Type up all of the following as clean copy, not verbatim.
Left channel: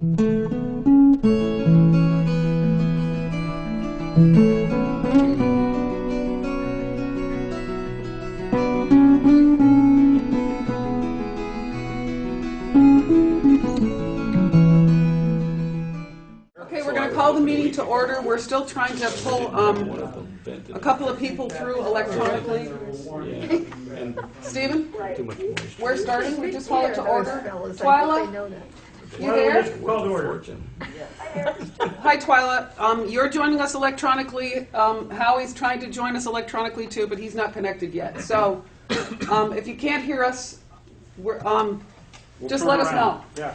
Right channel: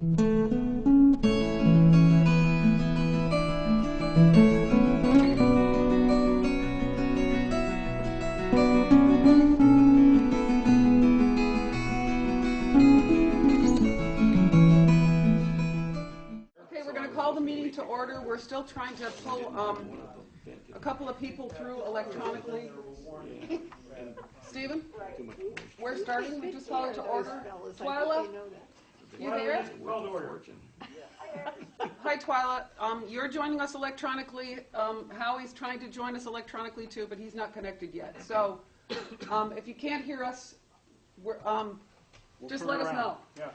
Okay, we're going to call the meeting to order. We're still trying to pull a couple of people through electronically. Stephen, we're starting. We just call it to order. Twyla, you there? Hi, Twyla. You're joining us electronically. Howie's trying to join us electronically too, but he's not connected yet. So if you can't hear us, we're, just let us know. Yeah.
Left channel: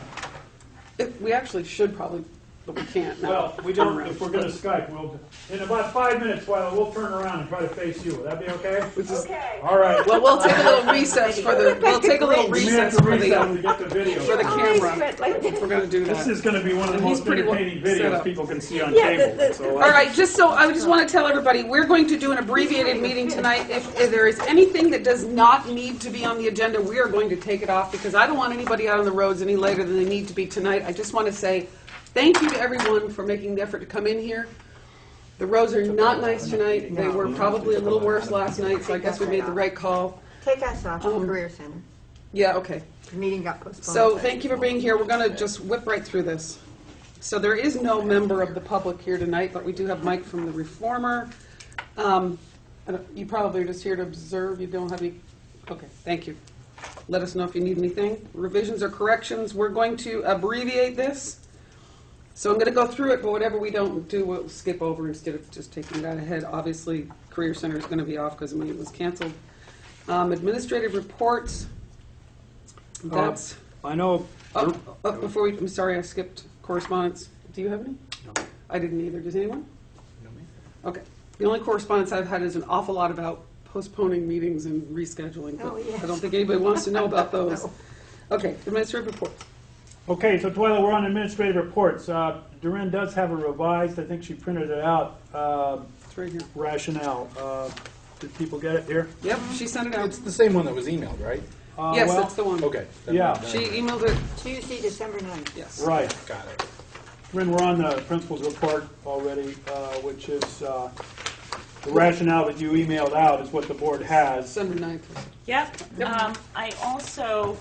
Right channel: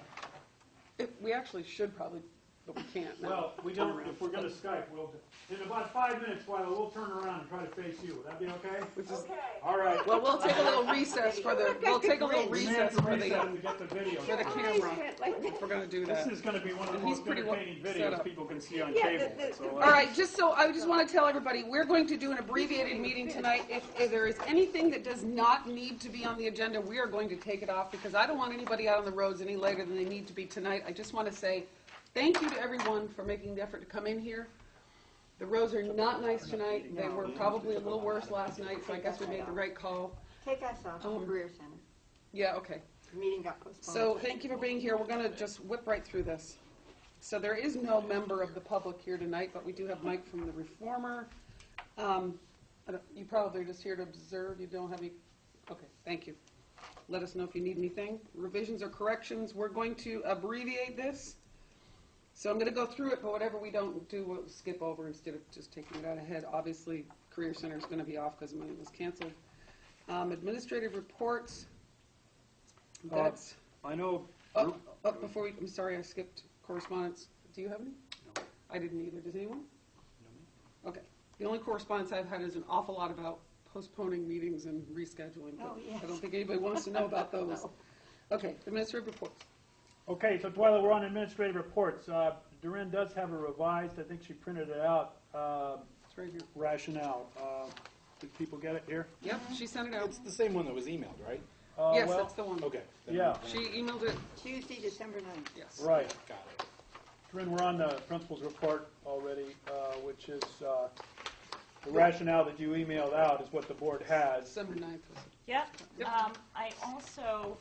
We actually should probably, but we can't now. Well, we don't. If we're going to Skype, we'll in about 5 minutes. While we'll turn around and try to face you. Would that be okay? Okay. All right. Well, we'll take a little recess for the. We'll take a little recess for the video. for the camera. We're going to do that. This is going to be one of the most entertaining videos people can see on cable. So, all right. I just want to tell everybody we're going to do an abbreviated meeting tonight. If there is anything that does not need to be on the agenda, we are going to take it off because I don't want anybody out on the roads any later than they need to be tonight. I just want to say thank you to everyone for making the effort to come in here. The roads are not nice tonight. They were probably a little worse last night, so I guess we made the right call. Take us off the Career Center. Yeah, okay. The meeting got postponed. So thank you for being here. We're going to just whip right through this. So there is no member of the public here tonight, but we do have Mike from the Reformer. You probably are just here to observe. You don't have any... Okay, thank you. Let us know if you need anything. Revisions or corrections. We're going to abbreviate this. So I'm going to go through it, but whatever we don't do, we'll skip over instead of just taking that ahead. Obviously, Career Center is going to be off because the meeting was canceled. Administrative reports. That's. I know. Before we, I'm sorry, I skipped correspondence. Do you have any? No. I didn't either. Does anyone? No, me. Okay. The only correspondence I've had is an awful lot about postponing meetings and rescheduling, but I don't think anybody wants to know about those. Okay, administrative reports. Okay, so Twyla, we're on administrative reports. Doreen does have a revised, I think she printed it out, It's right here. rationale. Did people get it here? Yep, she sent it out. It's the same one that was emailed, right? Yes, well, that's the one. Okay. Yeah. She emailed it. Tuesday, December 9th. Yes. Right. Got it. Doreen, we're on the principal's report already, which is the rationale that you emailed out is what the board has. December 9th. Yep. I also,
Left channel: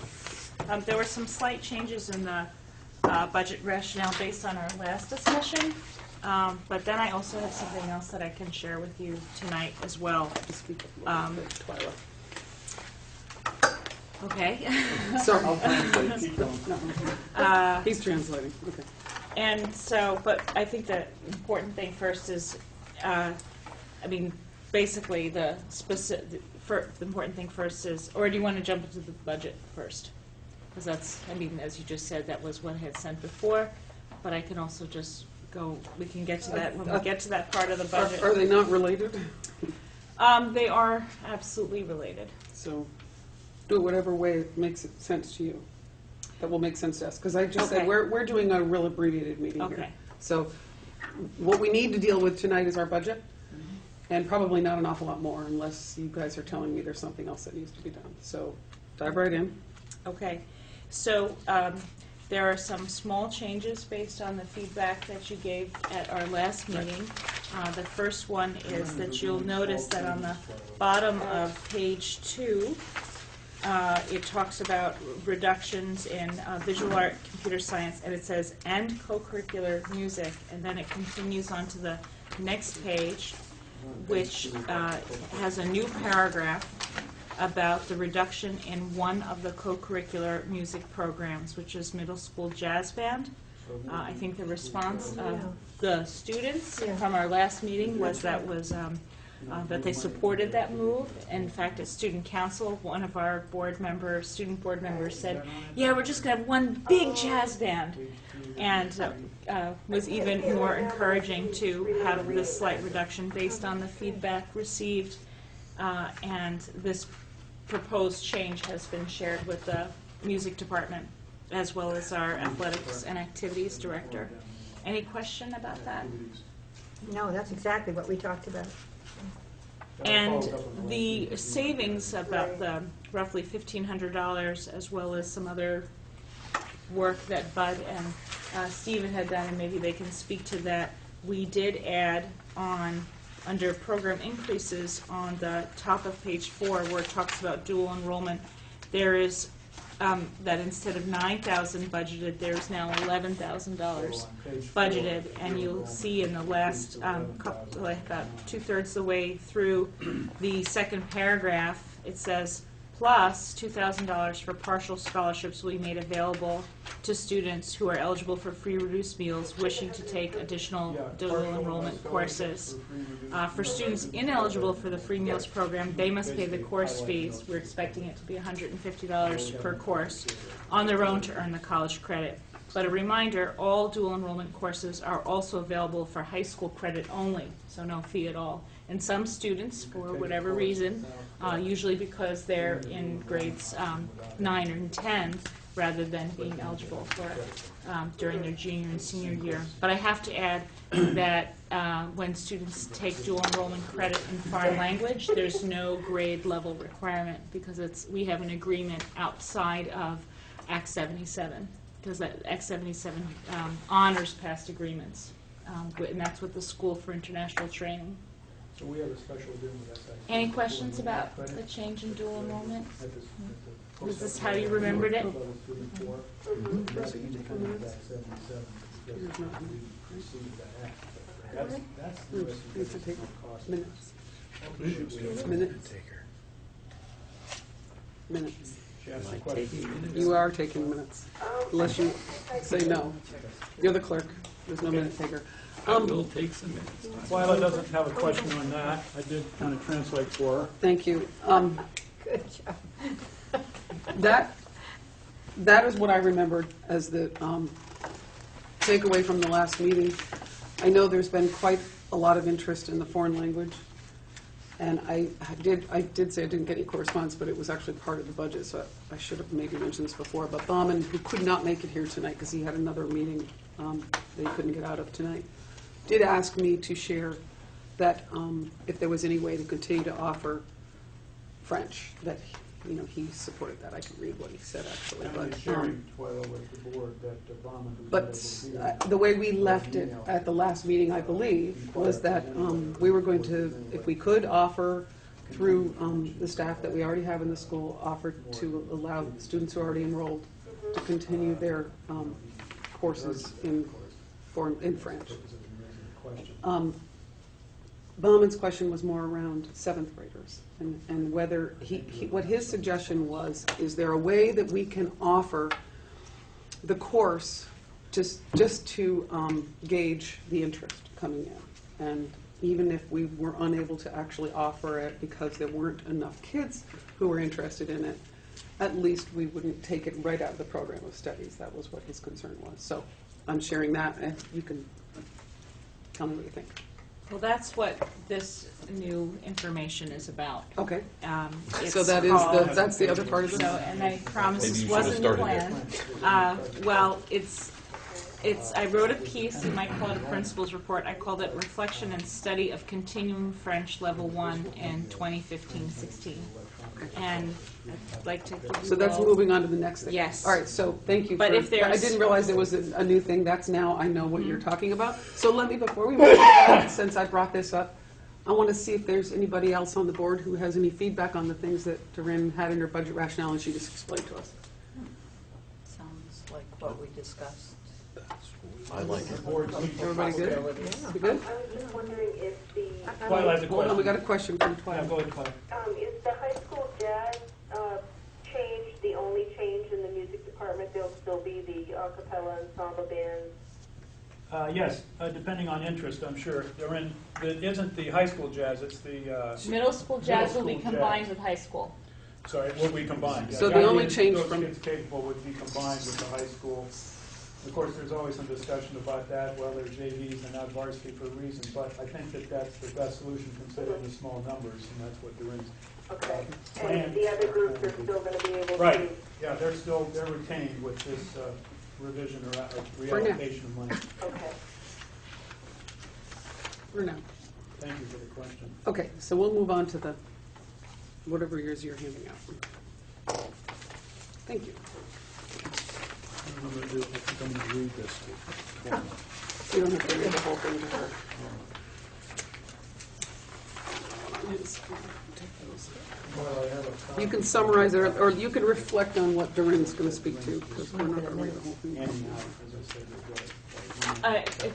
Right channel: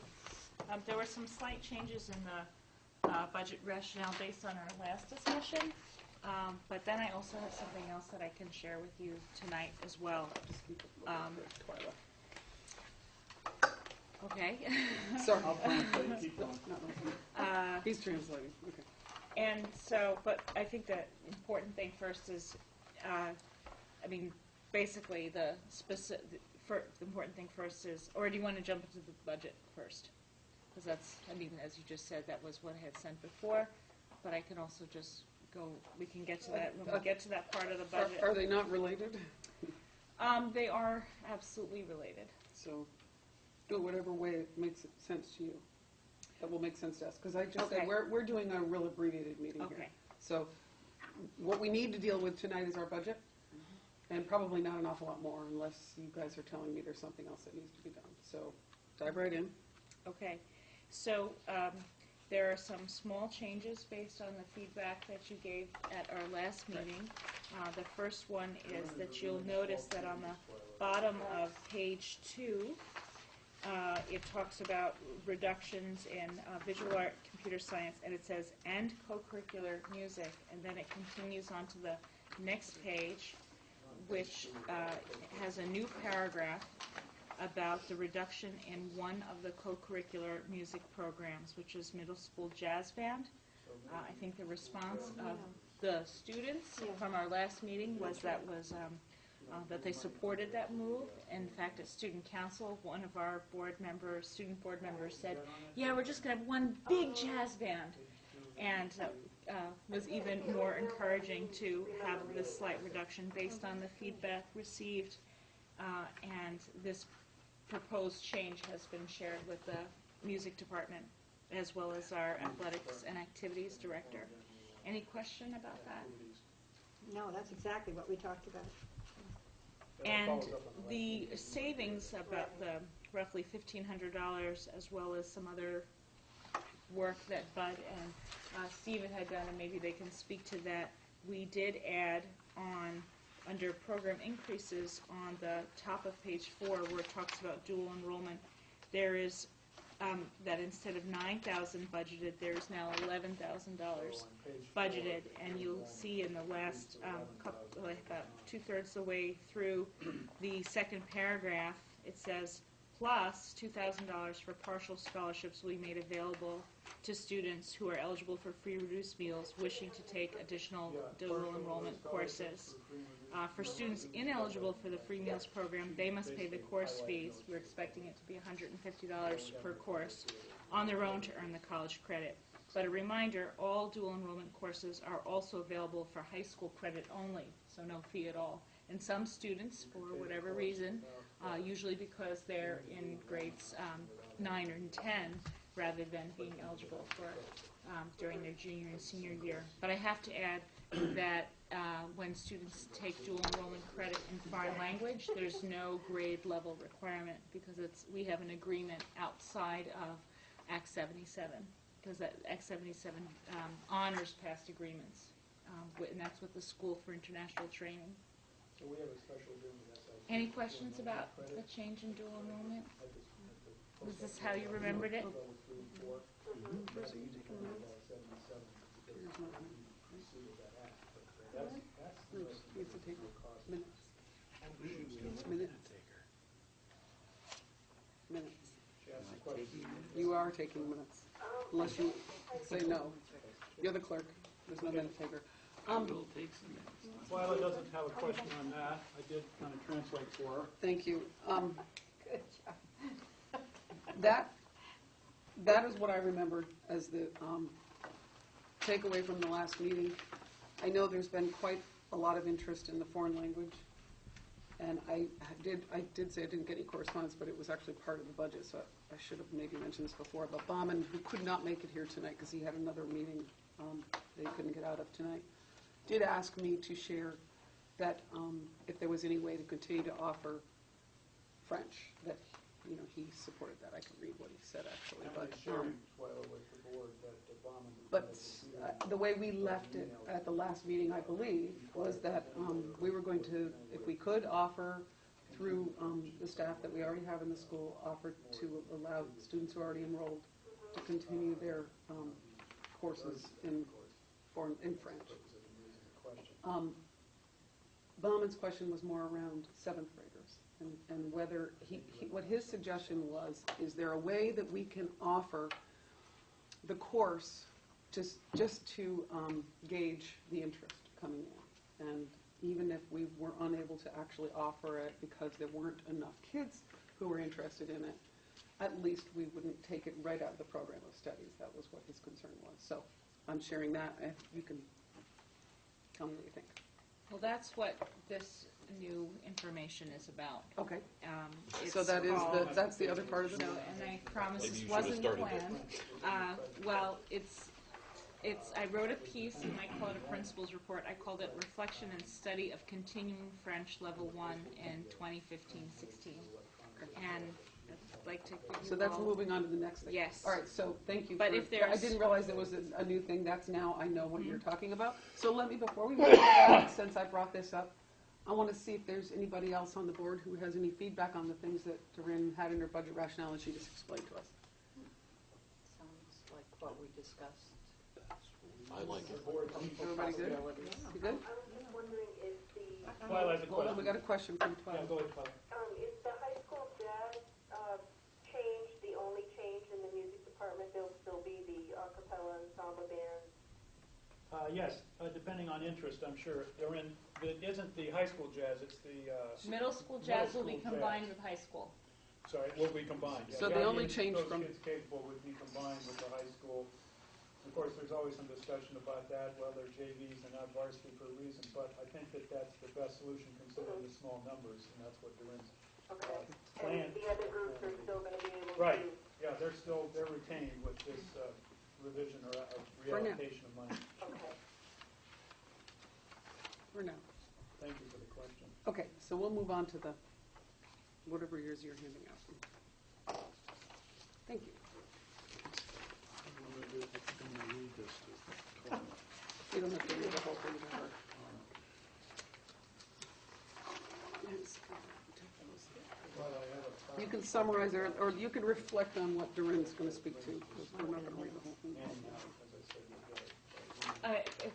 there were some slight changes in the budget rationale based on our last discussion, but then I also have something else that I can share with you tonight as well. Okay. Sorry. He's translating. Okay. And so, but I think the important thing first is, I mean, basically the important thing first is, or do you want to jump into the budget first? Because that's, I mean, as you just said, that was what I had sent before, but I can also just go, we can get to that when we get to that part of the budget. Are they not related? They are absolutely related. So do it whatever way it makes sense to you. That will make sense to us. Because I just said we're doing a real abbreviated meeting here. So what we need to deal with tonight is our budget, and probably not an awful lot more unless you guys are telling me there's something else that needs to be done. So dive right in. Okay. So there are some small changes based on the feedback that you gave at our last meeting. The first one is that you'll notice that on the bottom of page 2, it talks about reductions in visual art, computer science, and it says, and co-curricular music, and then it continues on to the next page, which has a new paragraph about the reduction in one of the co-curricular music programs, which is middle school jazz band. I think the response of the students from our last meeting was that they supported that move. In fact, at student council, one of our student board members said, yeah, we're just going to have one big jazz band, and was even more encouraging to have this slight reduction based on the feedback received, and this proposed change has been shared with the music department as well as our athletics and activities director. Any question about that? No, that's exactly what we talked about. And the savings, about the roughly $1,500, as well as some other work that Bud and Stephen had done, and maybe they can speak to that. We did add on, under program increases, on the top of page 4, where it talks about dual enrollment, there is that instead of $9,000 budgeted, there's now $11,000 budgeted, and you'll see in the last couple, like about 2/3 the way through the second paragraph, it says plus $2,000 for partial scholarships will be made available to students who are eligible for free reduced meals wishing to take additional dual enrollment courses. For students ineligible for the free meals program, they must pay the course fees. We're expecting it to be $150 per course on their own to earn the college credit. But a reminder, all dual enrollment courses are also available for high school credit only, so no fee at all. And some students, for whatever reason, usually because they're in grades 9 and 10, rather than being eligible for during their junior and senior year. But I have to add that when students take dual enrollment credit in foreign language, there's no grade level requirement because we have an agreement outside of Act 77, because Act 77 honors past agreements, and that's with the School for International Training. So we have a special agreement with SIT. Any questions about the change in dual enrollment? Is this how you remembered it? Needs to take minutes. Minutes. Minutes. You are taking minutes, unless you say no. You're the clerk. There's no minute taker. I will take some minutes. Twyla doesn't have a question on that. I did kind of translate for her. Thank you. Good job. That is what I remembered as the takeaway from the last meeting. I know there's been quite a lot of interest in the foreign language, and I did say I didn't get any correspondence, but it was actually part of the budget, so I should have maybe mentioned this before. But Bauman, who could not make it here tonight because he had another meeting that he couldn't get out of tonight, did ask me to share that if there was any way to continue to offer French, that he supported that. I can read what he said actually. And sharing Twyla with the board that Bauman was But able to the way we left it at the last meeting, I believe, was that we were going to, if we could, offer through the staff that we already have in the school, offer to allow students who are already enrolled to continue their courses in French. Bauman's question was more around 7th graders and whether what his suggestion was, is there a way that we can offer the course just to gauge the interest coming in? And even if we were unable to actually offer it because there weren't enough kids who were interested in it, at least we wouldn't take it right out of the program of studies. That was what his concern was. So I'm sharing that, and you can tell me what you think. Well, that's what this new information is about. Okay. It's So that is called- that's the other part of it? So, and I promise Maybe this you should have wasn't the started plan. Well, I wrote a piece, you might call it a principal's report. I called it Reflection and Study of Continuing French Level 1 in 2015-16. And I'd like to give you So that's all- moving on to the next thing? Yes. All right, so thank you. But for, if there's- I didn't realize there was a new thing. That's now I know what you're talking about. So let me, before we move to that, since I brought this up, I want to see if there's anybody else on the board who has any feedback on the things that Doreen had in her budget rationale and she just explained to us. Sounds like what we discussed. I like it. Everybody good? You good? I was just wondering if the, Twyla has a Hold on, we question. got a question from Yeah, Twilight. go ahead, Twyla. is the high school jazz change the only change in the music department? There'll still be the a cappella ensemble bands? Yes, depending on interest, I'm sure. It isn't the high school jazz, it's the, Middle school jazz will be Middle school combined jazz. with high school. sorry, will be combined. So the only Those change from- kids capable would be combined with the high school. Of course, there's always some discussion about that, well, they're JVs and not varsity for a reason, but I think that that's the best solution considering the small numbers, and that's what Doreen's. Okay. plan. And the other groups are still going to be able to? Right, yeah, they're retained with this revision or For now. reallocation of money. Okay. For now. Thank you for the question. Okay, so we'll move on to the, whatever yours you're handing out. Thank you. think I'm gonna read this. You don't have to read the whole thing to her. You can summarize it, or you can reflect on what Doreen's going to speak to, because we're not going to read the whole thing.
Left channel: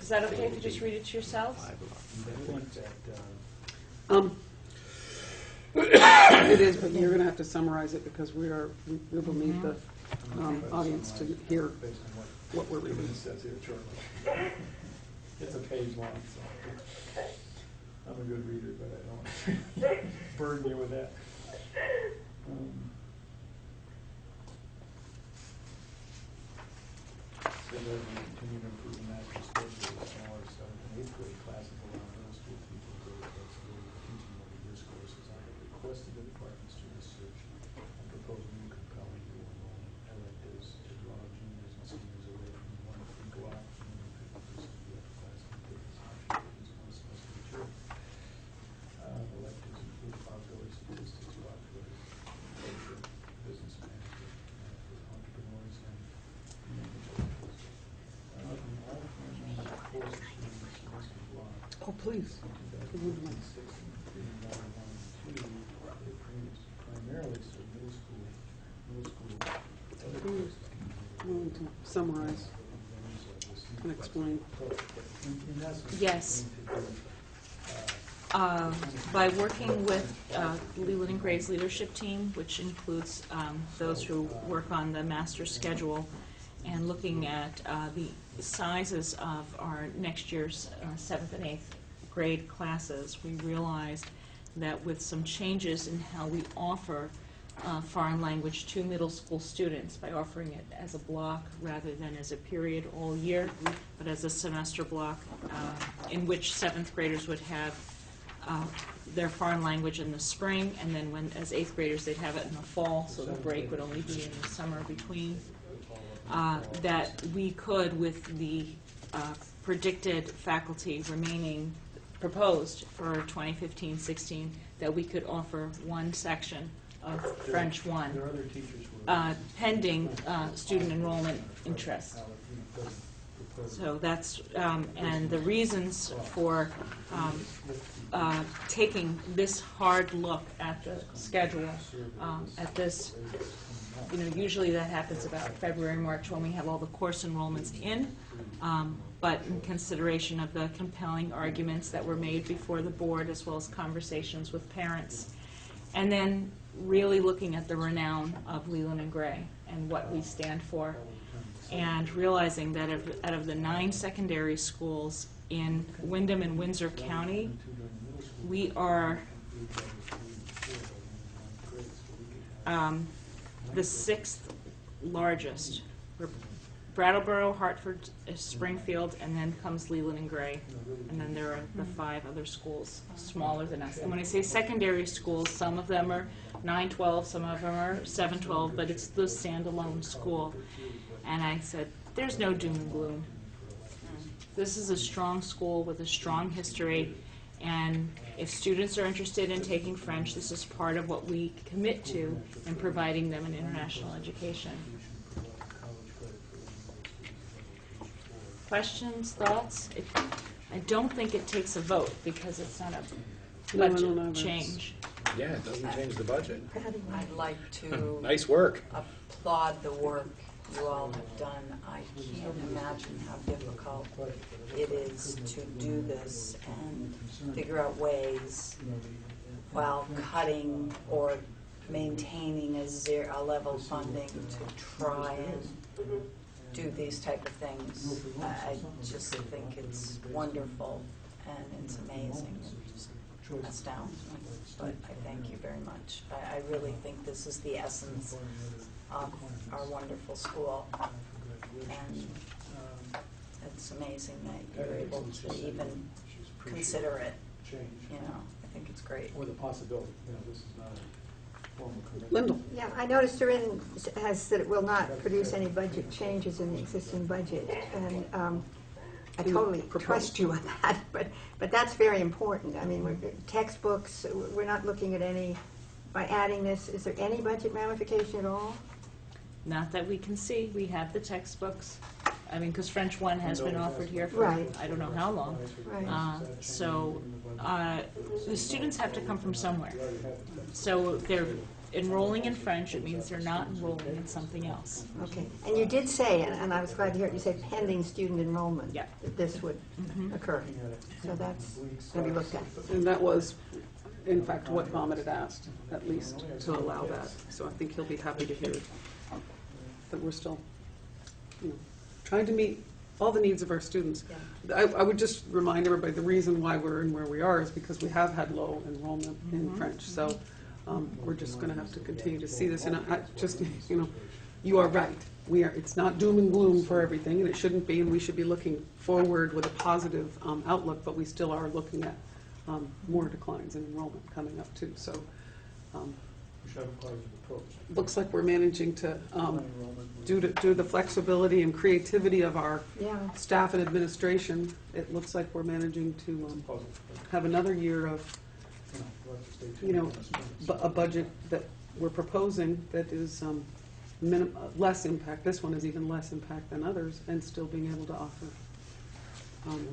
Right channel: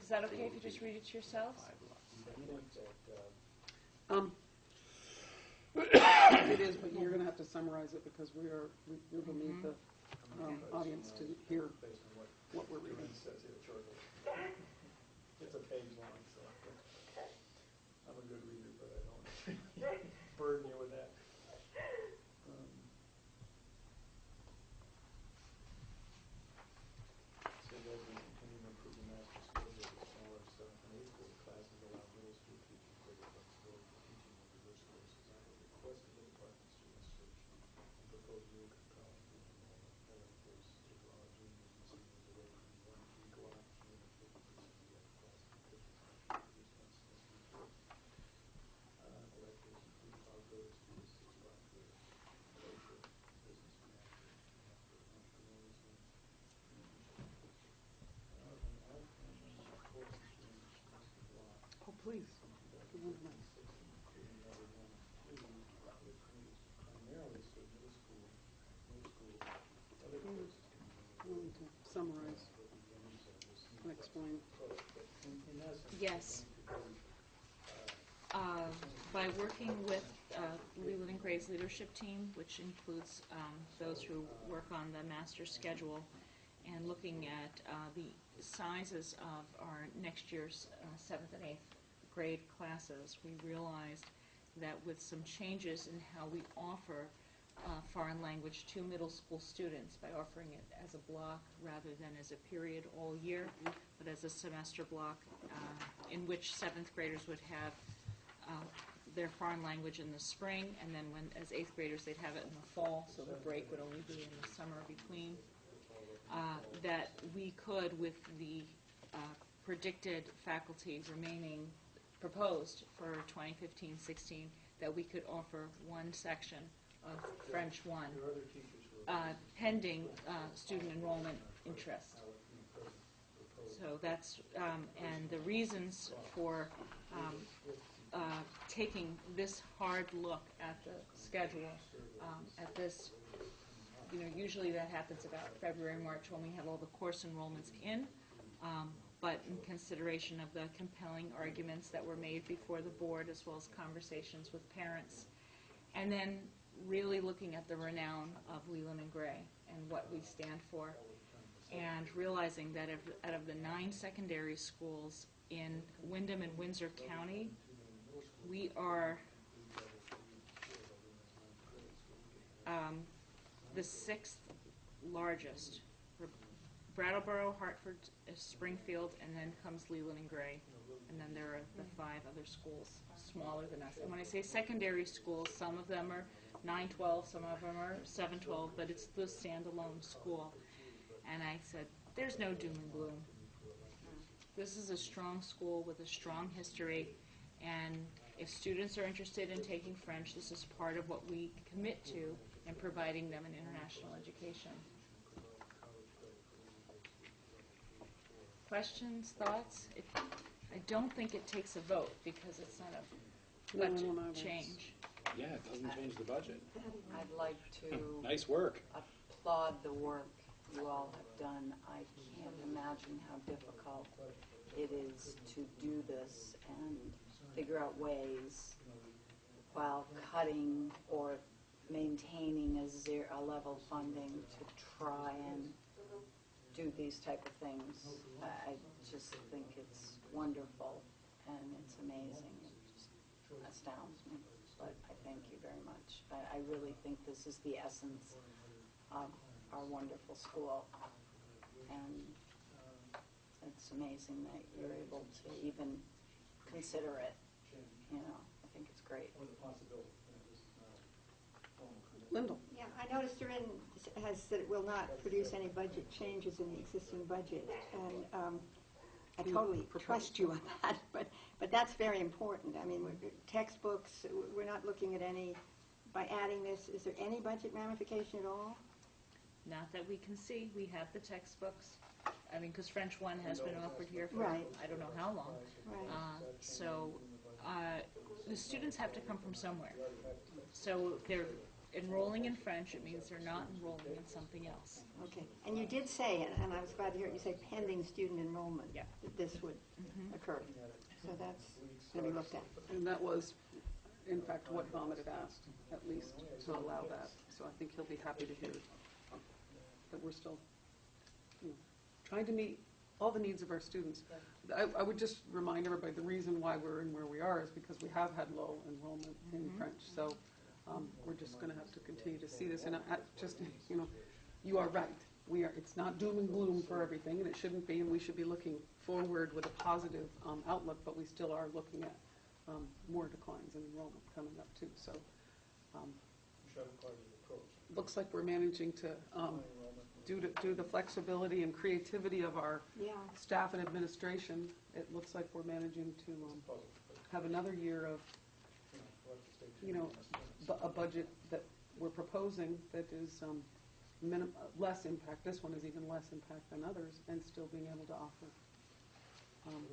Is that okay if you just read it to yourselves? It is, but you're going to have to summarize it, because we will need the audience to hear what we're reading. It's a page long, so I'm a good reader, but I don't burden you with that. So that we continue to improve the master schedule with smaller 7th and 8th grade classes allow middle school teachers greater flexibility for teaching more diverse courses. I have requested the departments to research and propose new compelling dual enrollment electives to draw juniors and seniors away from one equal opportunity 50% of the upper class and take as much as one semester mature. Electives include probability statistics, probability, literature, business management, entrepreneurs, and Oh, please. Primarily so middle school, other Hmm. courses I'm going to summarize and explain. in essence, Yes. By working with Leland and Gray's leadership team, which includes those who work on the master schedule, and looking at the sizes of our next year's 7th and 8th grade classes, we realized that with some changes in how we offer foreign language to middle school students, by offering it as a block rather than as a period all year, but as a semester block, in which 7th graders would have their foreign language in the spring, and then as 8th graders they'd have it in the fall, so the break would only be in the summer between. That we could, with the predicted faculty remaining proposed for 2015-16, that we could offer one section of French 1, there are other teachers who are pending student enrollment interest. So that's, and the reasons for taking this hard look at the schedule, at this, usually that happens about February, March, when we have all the course enrollments in, but in consideration of the compelling arguments that were made before the board, as well as conversations with parents, and then really looking at the renown of Leland and Gray and what we stand for, and realizing that out of the 9 secondary schools in Windham and Windsor County, we are the 6th largest. We're Brattleboro, Hartford, Springfield, and then comes Leland and Gray, and then there are the 5 other schools smaller than us. And when I say secondary schools, some of them are 9-12, some of them are 7-12, but it's the standalone school. And I said, there's no doom and gloom. This is a strong school with a strong history, and if students are interested in taking French, this is part of what we commit to in providing them an international education. Questions, thoughts? I don't think it takes a vote because it's not a No, I budget don't know. change. Yeah, it doesn't change the budget. I'd like to Nice work. applaud the work you all have done. I can't imagine how difficult it is to do this and figure out ways while cutting or maintaining a level funding to try and do these type of things. I just think it's wonderful and it's amazing. It just astounds me. But I thank you very much. I really think this is the essence of our wonderful school. And it's amazing that you're able to even consider it. I think it's great. Or the possibility, this is not a formal commitment. Lyndall. Yeah, I noticed Doreen has said it will not produce any budget changes in the existing budget, and I totally trust you on that, but that's very important. I mean, textbooks, we're not looking at any, by adding this, is there any budget ramification at all? Not that we can see, we have the textbooks. I mean, because French 1 has been offered here for Right. I don't know how long. Right. So the students have to come from somewhere. So if they're enrolling in French, it means they're not enrolling in something else. Okay, and you did say, and I was glad to hear it, you said pending student enrollment. Yeah. That this would occur, so that's going to be looked at. And that was, in fact, what Mohammed had asked, at least to allow that. So I think he'll be happy to hear that we're still, trying to meet all the needs of our students. I would just remind everybody, the reason why we're in where we are is because we have had low enrollment in French. So we're just going to have to continue to see this. And I just, you are right. It's not doom and gloom for everything, and it shouldn't be, and we should be looking forward with a positive outlook, but we still are looking at more declines in enrollment coming up too. So We should have a positive approach. looks like we're managing to, due to the flexibility and creativity of our Yeah, staff and administration, it looks like we're managing to Positive. have another year of, We'll have to stay tuned. a budget that we're proposing that is less impact. This one is even less impact than others, and still being able to offer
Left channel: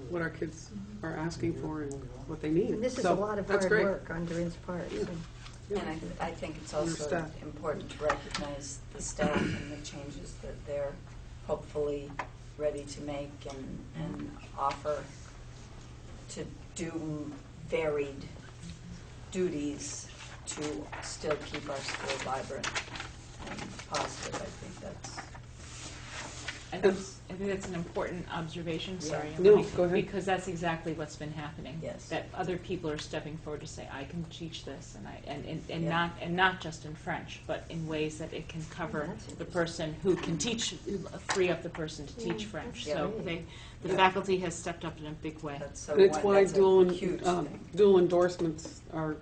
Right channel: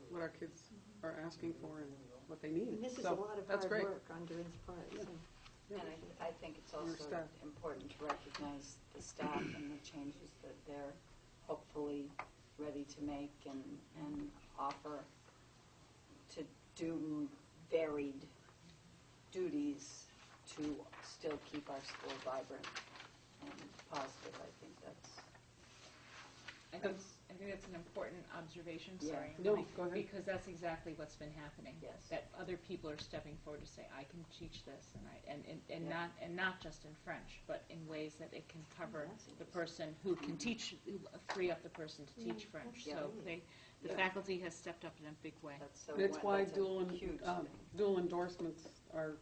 what our kids are asking for and what they need. and this is So a lot of that's hard great. work on Durin's part. so. Yeah. And I think it's And your also staff. important to recognize the staff and the changes that they're hopefully ready to make and offer to do varied duties to still keep our school vibrant and positive. I think that's, I think that's an important observation, sorry, No, Emily, go ahead. because that's exactly what's been happening. Yes. That other people are stepping forward to say, I can teach this, and Yeah. not just in French, but in ways that it can cover That's the person who can teach, free up the person to teach Yeah, French. that's So great. the Yeah. faculty has stepped up in a big way. that's so And it's why that's a huge thing. dual endorsements are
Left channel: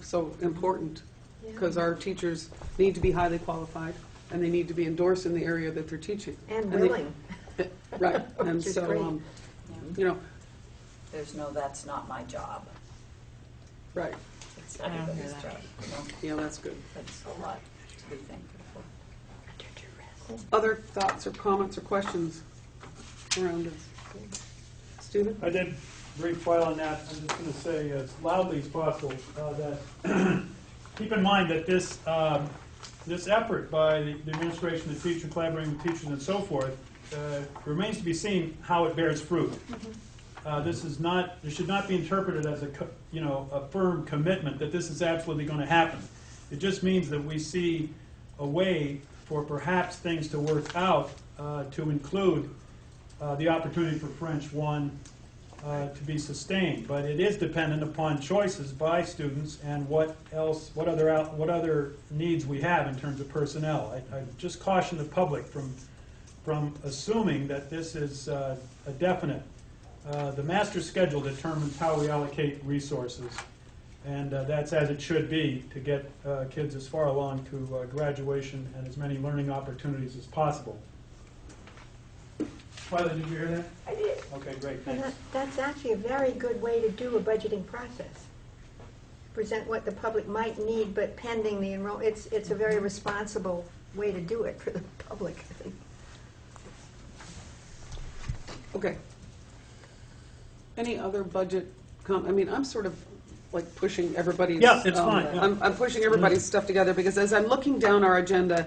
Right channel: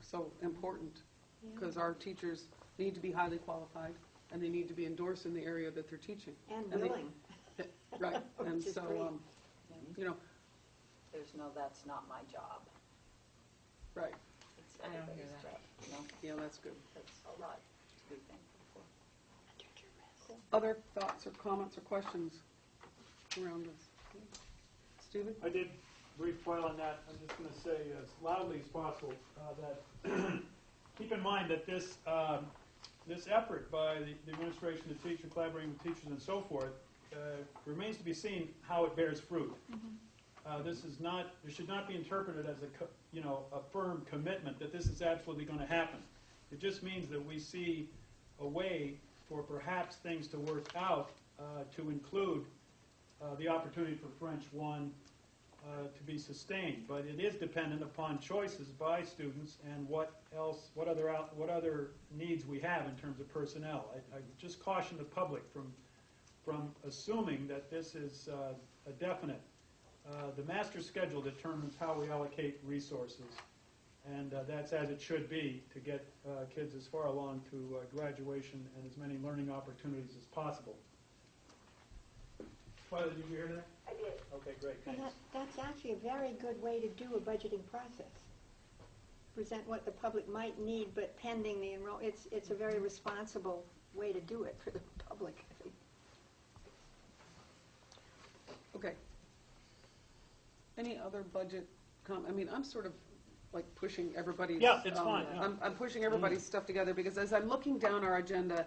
so important, Yeah. because our teachers need to be highly qualified, and they need to be endorsed in the area that they're teaching. And they- willing. Right, and Which is so, great. There's no, that's not my job. right, It's I don't hear everybody's that. job. yeah, that's good. That's a lot to be thankful for. Other thoughts or comments or questions around this? Stephen? I did brief file on that. I'm just going to say as loudly as possible that keep in mind that this effort by the administration, the teacher, collaborating with teachers and so forth, remains to be seen how it bears fruit. This should not be interpreted as a firm commitment that this is absolutely going to happen. It just means that we see a way for perhaps things to work out to include the opportunity for French 1 to be sustained. But it is dependent upon choices by students and what other needs we have in terms of personnel. I just caution the public from assuming that this is a definite. The master schedule determines how we allocate resources, and that's as it should be to get kids as far along to graduation and as many learning opportunities as possible. Twyla, did you hear that? I did. Okay, great, And thanks. that's actually a very good way to do a budgeting process. Present what the public might need, but pending the it's a very responsible way to do it for the public, I think. Okay. Any other budget I'm sort of like pushing everybody's. Yeah, it's fine, yeah. I'm pushing everybody's stuff together, because as I'm looking down our agenda,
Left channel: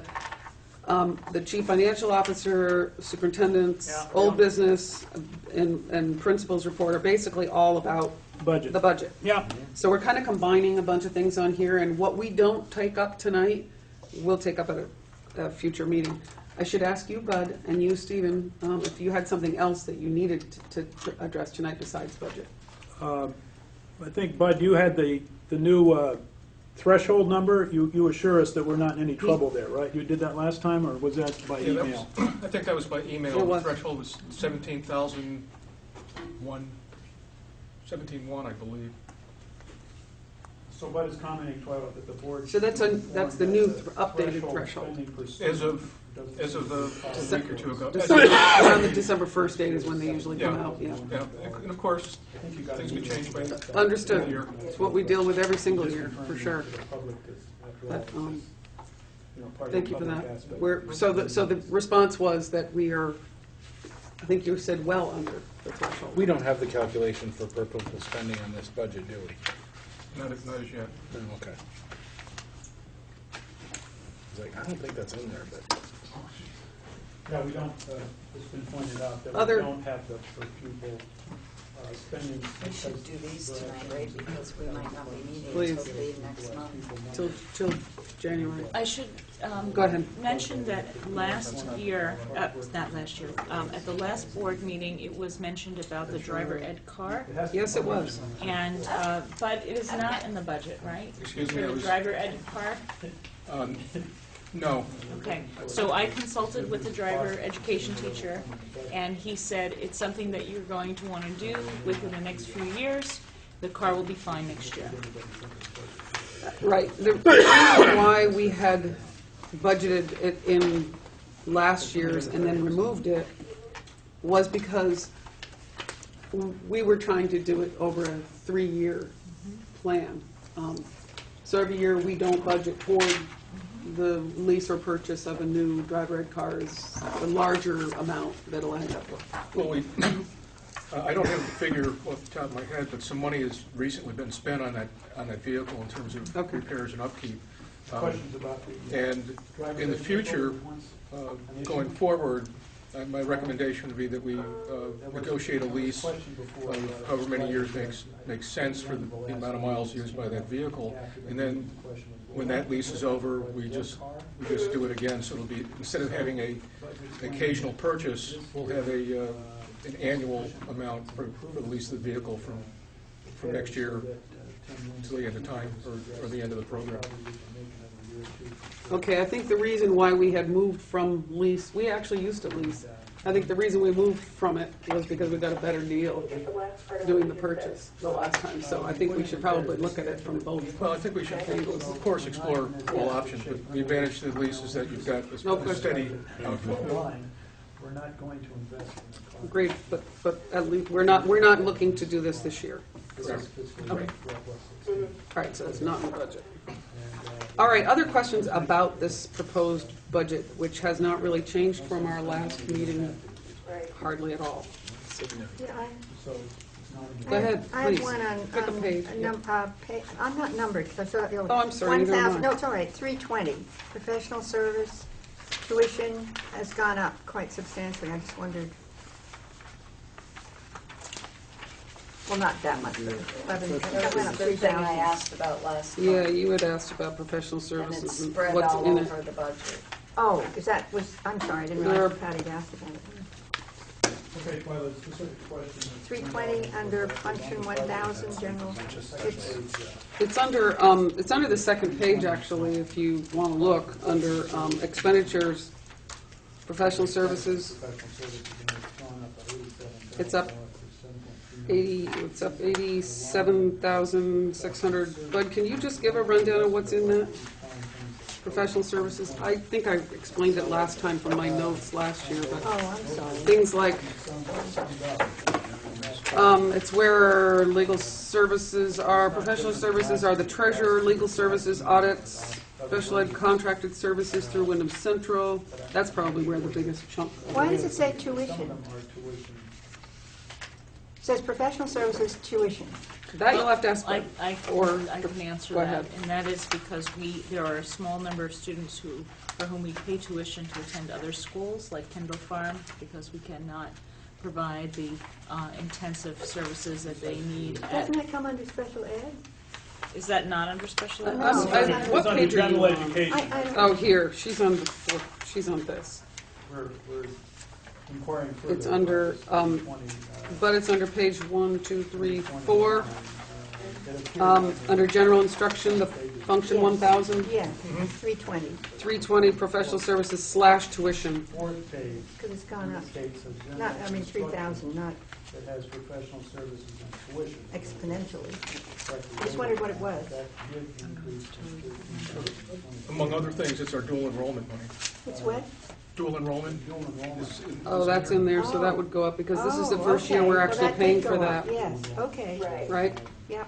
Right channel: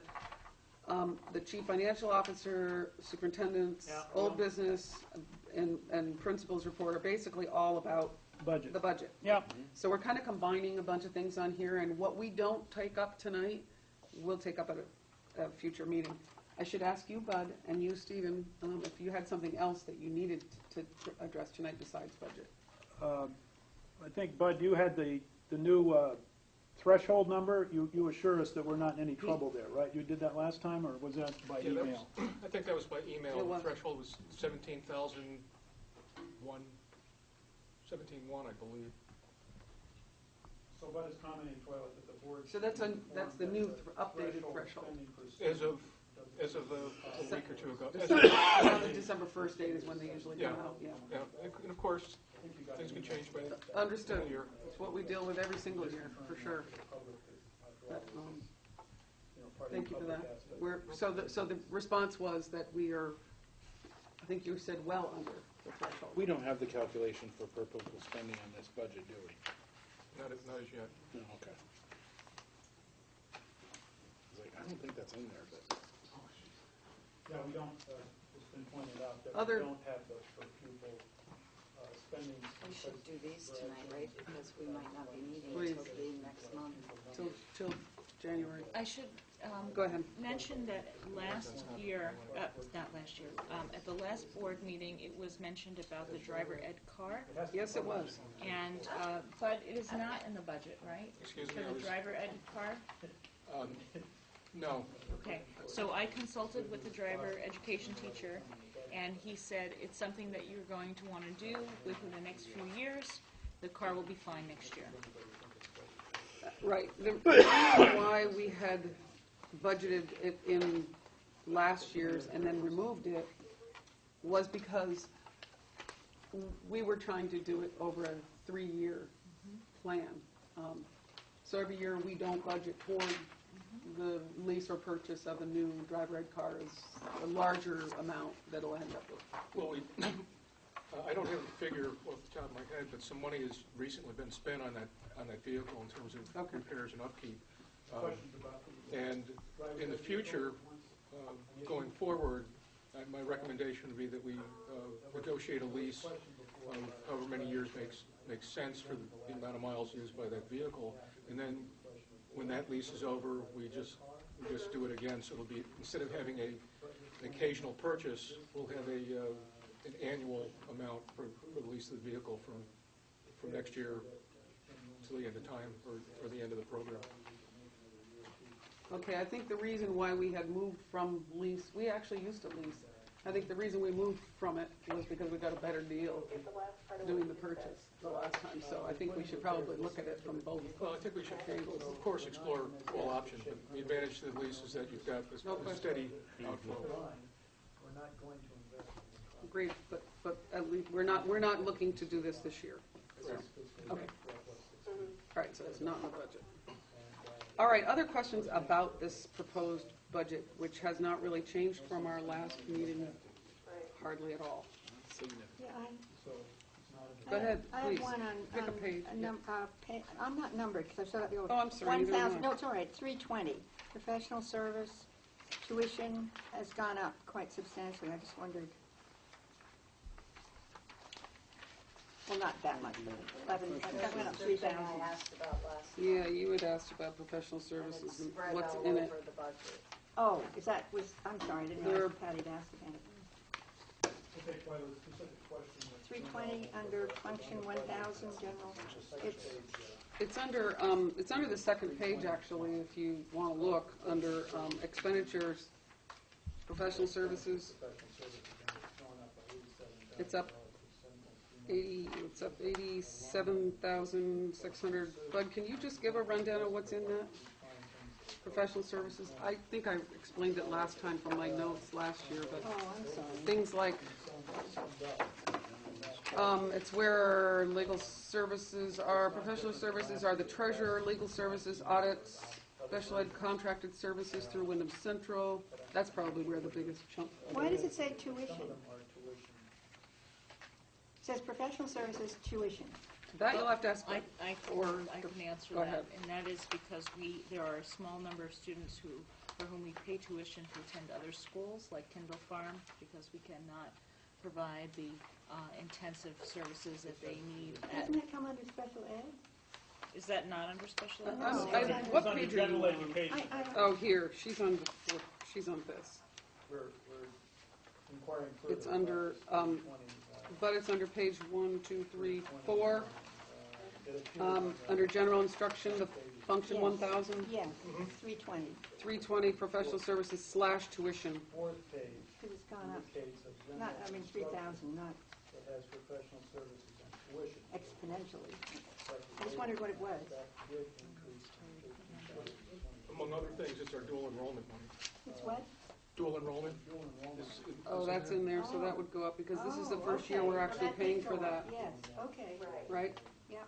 the chief financial officer, superintendent's, Yeah. old business, and principal's report are basically all about Budget. the budget. Yeah. So we're kind of combining a bunch of things on here, and what we don't take up tonight, we'll take up at a future meeting. I should ask you, Bud, and you, Stephen, if you had something else that you needed to address tonight besides budget. I think, Bud, you had the new threshold number. You assure us that we're not in any trouble there, right? You did that last time, or was that by Yeah, that email? I think that was by email. It was. The threshold was 17,1, I believe. So Bud is commenting, Twyla, that the board. So that's the new updated threshold threshold. spending per As student as of a week or two ago. Around the December 1st date is when they usually come out, yeah. Yeah, and of course, things can change by Understood. year. It's what we deal with every single year, for sure. But, part of Thank the you for public that. aspect. So the response was that we are, I think you said well under the threshold. We don't have the calculation for purposeful spending on this budget, do we? Not as yet. No, okay. I was like, I don't think that's in there, but. Yeah, we don't, it's been pointed out that Other- we don't have the per pupil spending. We should do these tonight, right, because we might not be meeting Please. until the next month. Till January. I should Go ahead. mention that last year, not last year, at the last board meeting, it was mentioned about the driver ed car. It has to Yes, be it was. And, but it is not in the budget, right? Excuse For me, I the was, driver ed car? no, Okay, so I consulted with the driver education teacher, and he said it's something that you're going to want to do within the next few years. The car will be fine next year. Right. The reason why we had budgeted it in last year's and then removed it was because we were trying to do it over a 3-year plan. So every year, we don't budget toward the lease or purchase of a new driver ed car is a larger amount that it'll end up with. well, I don't have a figure off the top of my head, but some money has recently been spent on that vehicle in terms of Okay. repairs and upkeep. Questions about the. And in the future, going forward, my recommendation would be that we negotiate a lease of however many years makes sense for the amount of miles used by that vehicle. And then when that lease is over, we just do it again. So it'll be, instead of having an occasional purchase, we'll have an annual amount for the lease of the vehicle from next year to the end of time, or the end of the program. Okay, I think the reason why we had moved from lease, we actually used to lease. I think the reason we moved from it was because we got a better deal doing the purchase the last time. So I think we should probably look at it from both. Well, I think we should, of course, explore all options, but the advantage to the lease is that you've got No a question. steady outflow. We're not going to invest in the car. Great, but at least, we're not looking to do this year. Correct. Okay. All right, so it's not in the budget. All right, other questions about this proposed budget, which has not really changed from our last meeting, hardly at all. Yeah, Go ahead, I have please. one on, Pick a page. I'm not numbered, because I thought, Oh, I'm sorry, neither am I. 1,000, no, it's all right, 320, professional service, tuition has gone up quite substantially, I just wondered. Well, not that much, but 11, it went up That was the thing I 3,000. asked about last month. Yeah, you had asked about professional And services it's and spread what's all in it. over the budget. Oh, I'm sorry, I didn't There are- realize Patty asked about it. Okay, well, the specific question. 320 under function 1,000, general, It's under the second page, actually, if you want to look, under expenditures, professional services. It's up 87,600. Bud, can you just give a rundown of what's in that? Professional services, I think I explained it last time from my notes last year, but oh, I'm sorry. things like, it's where legal services are, professional services are the treasurer, legal services, audits, special ed contracted services through Wyndham Central. That's probably where the biggest chunk of it Why does it is. say tuition? It says professional services tuition. That you'll have to ask, I or, can answer go that, ahead. and that is because there are a small number of students for whom we pay tuition to attend other schools, like Kendall Farm, because we cannot provide the intensive services that they need at, Doesn't that come under special ed? is that not under special ed? No. what page are you on? I don't. Oh, here, she's on this. We're inquiring further. It's under, but it's under page 1, 2, 3, 4. Under general instruction, the function 1,000, Yeah, 320, 320 professional services / tuition. Fourth page. because it's gone up. States of general Not, I mean, instruction 3,000, not That has professional services and tuition. exponentially. But I just wondered what it was. that did increase from 13 to Among other things, it's our dual enrollment money. It's what? Dual enrollment dual enrollment. is. Oh, that's in there, so that would go up, because this is the Oh, first year okay. we're Well, actually that paying did for go up, that, Yes, okay, right? yep.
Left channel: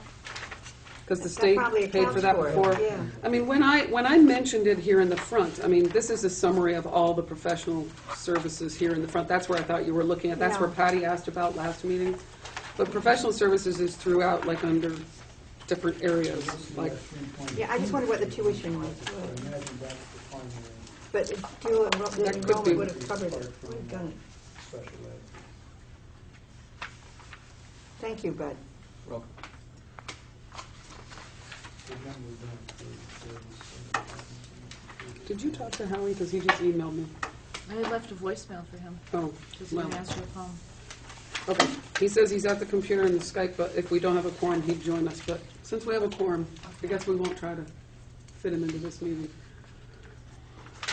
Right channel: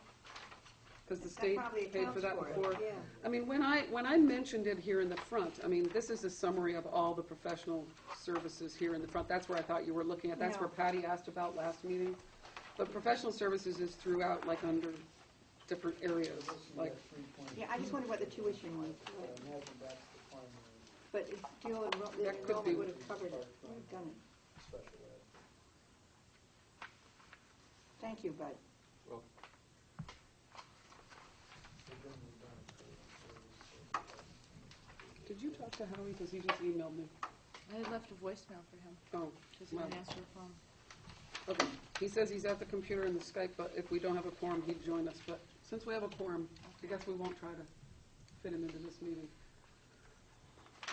because the That state probably paid for accounts that for it, before. yeah. I mean, when I mentioned it here in the front, I mean, this is a summary of all the professional services here in the front. That's where I thought you were looking at. That's where Yeah. Patty asked about last meeting. But professional services is throughout, like, under different areas, like, Yeah, I just wondered what the tuition was. I imagine that's the primary But dual That could be. enrollment would have covered it, would have done it. special ed. Thank you, Bud. Well, did you talk to Howie? Because he just emailed me. I left a voicemail for him, Oh, because he well, didn't answer the phone. okay. He says he's at the computer and the Skype, but if we don't have a quorum, he'd join us. But since we have a quorum, I guess we won't try to fit him into this meeting.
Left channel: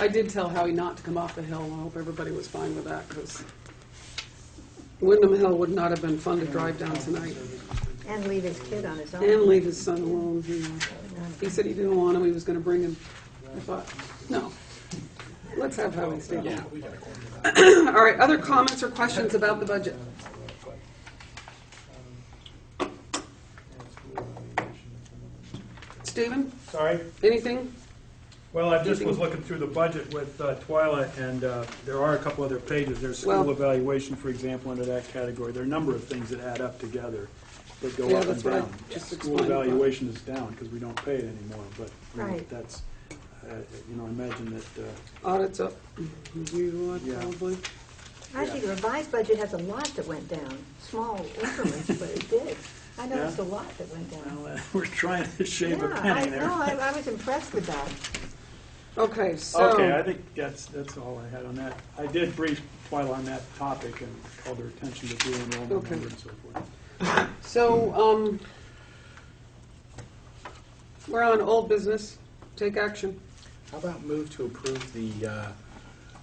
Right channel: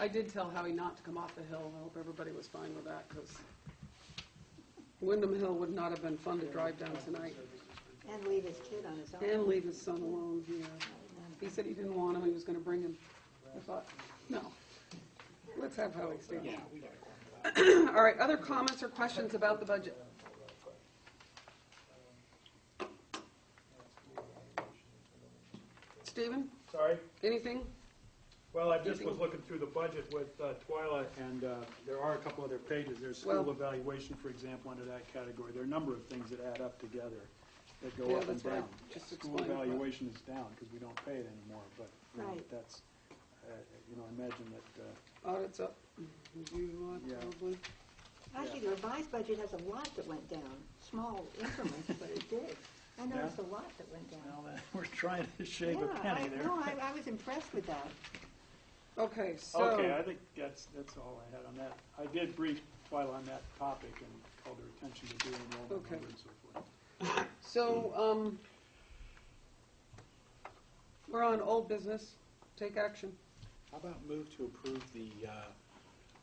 I did tell Howie not to come off the hill. I hope everybody was fine with that, because Wyndham Hill would not have been fun to drive down tonight. And leave his kid on his own. And leave his son alone. He said he didn't want him, he was gonna bring him. I thought, no, let's have Howie stay yeah, home. we got a quorum. All right, other comments or questions about the budget? Stephen, Sorry? anything? Well, I just was looking through the budget with Twyla, and there are a couple other pages. There's Well- school evaluation, for example, under that category. There are a number of things that add up together that go Yeah, up and that's what I down. just School explained, but- evaluation is down because we don't pay it anymore, but you know, Right. that's, I imagine that, Audits up, review Yeah. probably. Actually, the revised budget has a lot that went down, small increments, but it did. I noticed a lot that went down. well, we're trying to shave a Yeah, penny there. I was impressed with that. Okay, so. Okay, I think that's all I had on that. I did brief Twyla on that topic and called her attention to dual enrollment Okay. number and so forth. So, we're on old business, take action. How about move to approve the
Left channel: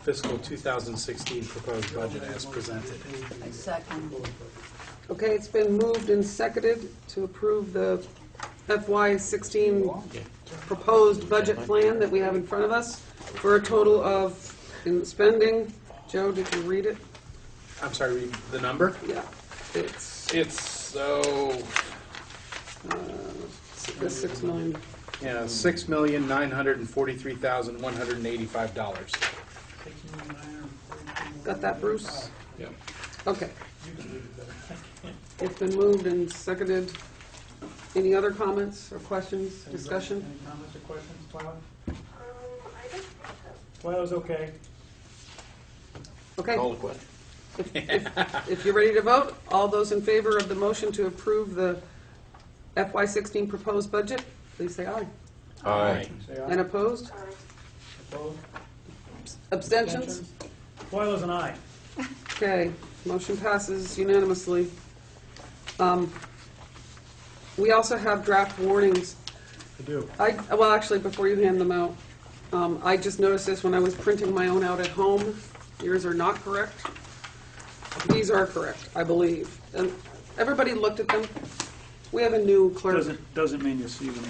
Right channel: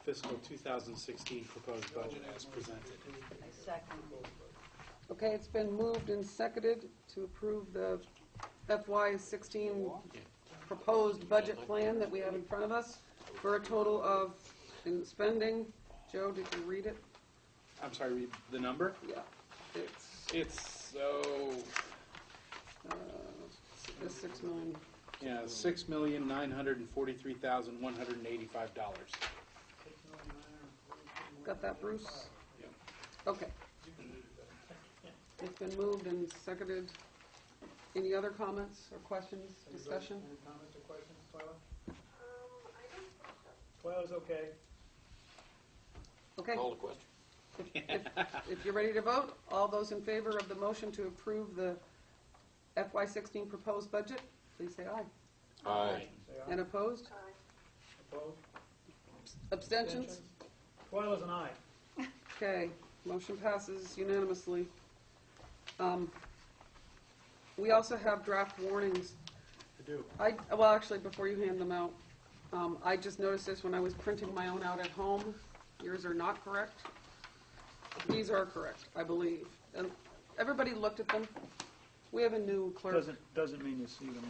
fiscal 2016 proposed budget as presented? I second. Okay, it's been moved and seconded to approve the FY16 proposed budget plan that we have in front of us for a total of, in spending, Joe, did you read it? I'm sorry, read the number? Yeah, it's, It's, the 6 million. yeah, $6,943,185. Got that, Bruce? Yeah. Okay. It's been moved and seconded. Any other comments or questions, discussion? Any comments or questions, Twyla? I don't think so. Twyla's okay. Okay. Call the question. If you're ready to vote, all those in favor of the motion to approve the FY16 proposed budget, please say aye. Aye. Say And aye. opposed? Opposed? Abstentions? Twyla's an aye. Okay, motion passes unanimously. We also have draft warnings. I do. Well, actually, before you hand them out, I just noticed this when I was printing my own out at home. Yours are not correct. These are correct, I believe. And everybody looked at them. We have a new clerk. Doesn't mean you see them.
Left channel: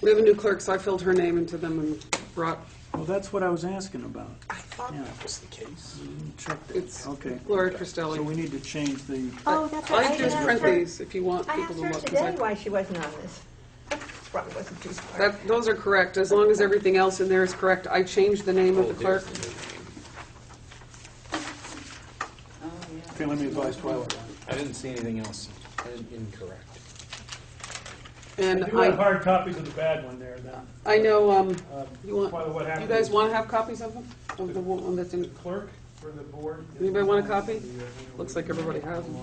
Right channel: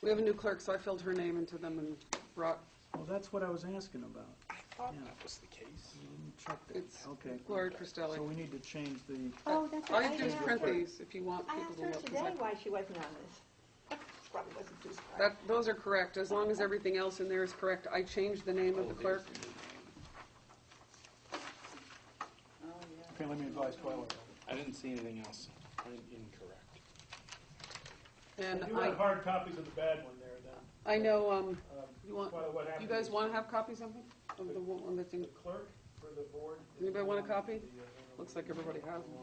We have a new clerk, so I filled her name into them and brought, Well, that's what I was asking about. I thought Yeah. that was the case. Check it's Okay. Gloria So Cristelli. we need to change the, Oh, that's All right. you do is print these if you want I people asked to her look. 'cause today why she wasn't on this. Probably wasn't too smart. Those are correct, as long as everything else in there is correct. I changed the name of the clerk. okay, let me advise Twyla. I didn't see anything else incorrect. And I do have hard copies of the bad one there then. I know, you want, Twyla, what happened? you guys is want to have copies of them? Of the one that's The in, clerk for the board. Anybody want a copy? Looks like everybody has them.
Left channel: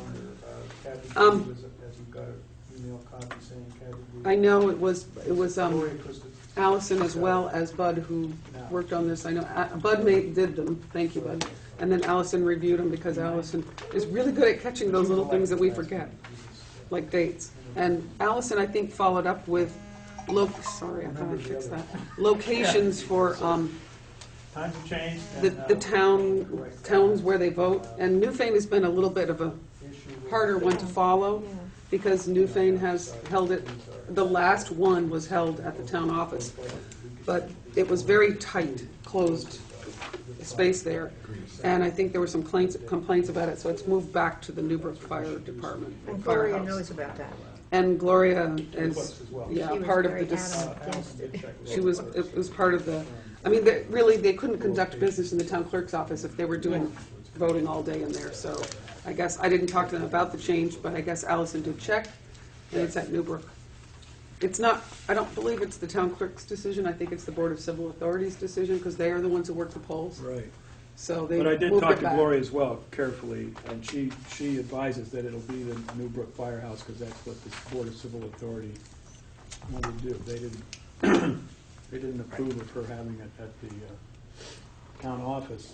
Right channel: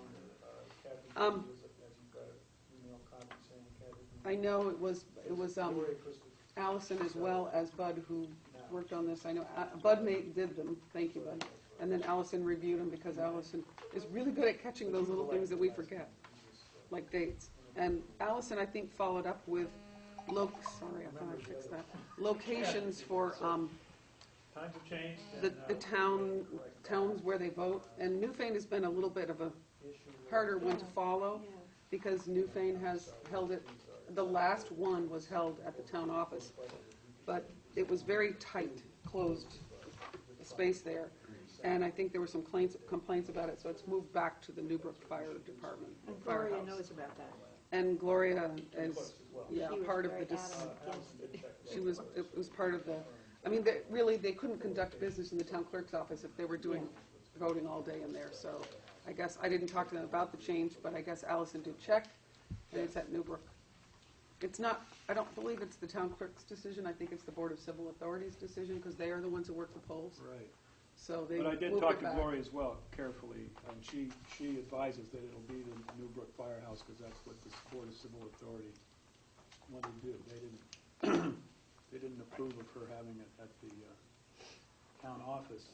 Kathy, Um, has you got an email copy saying Kathy? I know it was Gloria twisted. Allison as well as Bud who worked on this. I know Bud did them, thank you, Bud. And then Allison reviewed them because Allison is really good at catching those little things that we forget, like dates. And Allison, I think, followed up with, sorry, I thought I fixed that, locations for Times have changed. the towns where they vote. And Newfane has been a little bit of a harder one to follow because Newfane has held it, the last one was held at the town office. But it was very tight, closed space there. And I think there were some complaints about it, so it's moved back to the Newbrook Fire Department. And Gloria firehouse. knows about that. And Gloria Books is, as well. yeah, She was part of very the, adamant against it. she was, it was part of the, I mean, really, they couldn't conduct business in the town clerk's office if they were doing voting all day in there, so I guess, I didn't talk to them about the change, but I guess Allison did check, and it's at Newbrook. It's not, I don't believe it's the town clerk's decision, I think it's the Board of Civil Authorities' decision, because they are the ones who work the polls, Right. so they But I moved it did back. talk to Gloria as well, carefully, and she advises that it'll be the Newbrook Firehouse, because that's what the Board of Civil Authority wanted to do. They didn't approve of her having it at the town office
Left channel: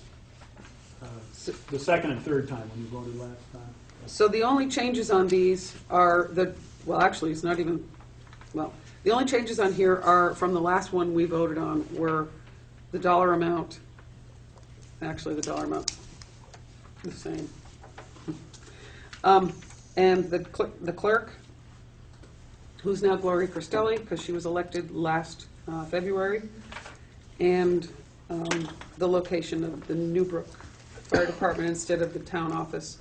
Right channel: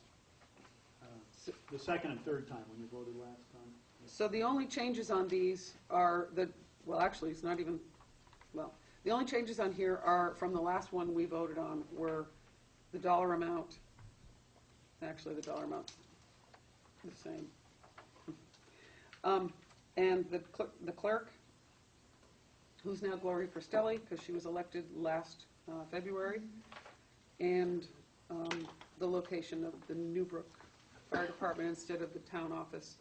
the second and third time when you voted last time. So the only changes on these are well, actually, it's not even, well, the only changes on here are from the last one we voted on were the dollar amount, actually the dollar amount, the same. And the clerk, who's now Gloria Cristelli, because she was elected last February, and the location of the Newbrook Fire Department instead of the town office.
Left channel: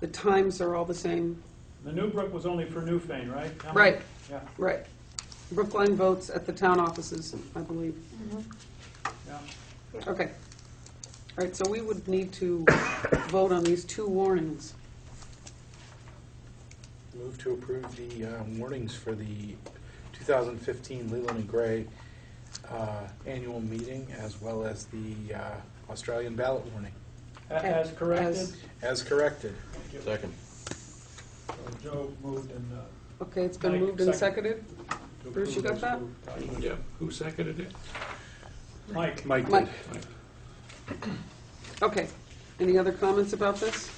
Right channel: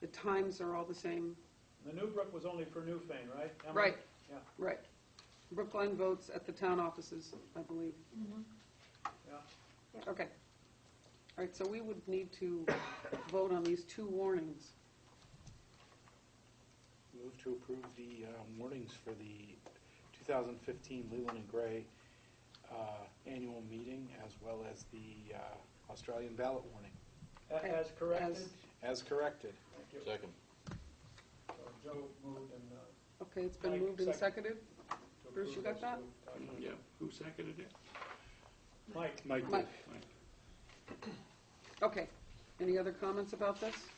The times are all the same. The Newbrook was only for Newfane, right? Emily? Right, Yeah, right. Brookline votes at the town offices, I believe. yeah. Okay. All right, so we would need to vote on these two warnings. Move to approve the warnings for the 2015 Leland and Gray annual meeting, as well as the Australian ballot warning, As corrected? as corrected. Second. Joe moved and. Okay, it's been Mike, moved and second. seconded. Bruce, you got that? Yeah, who seconded it? Mike. Mike Mike. did. Okay. Any other comments about this?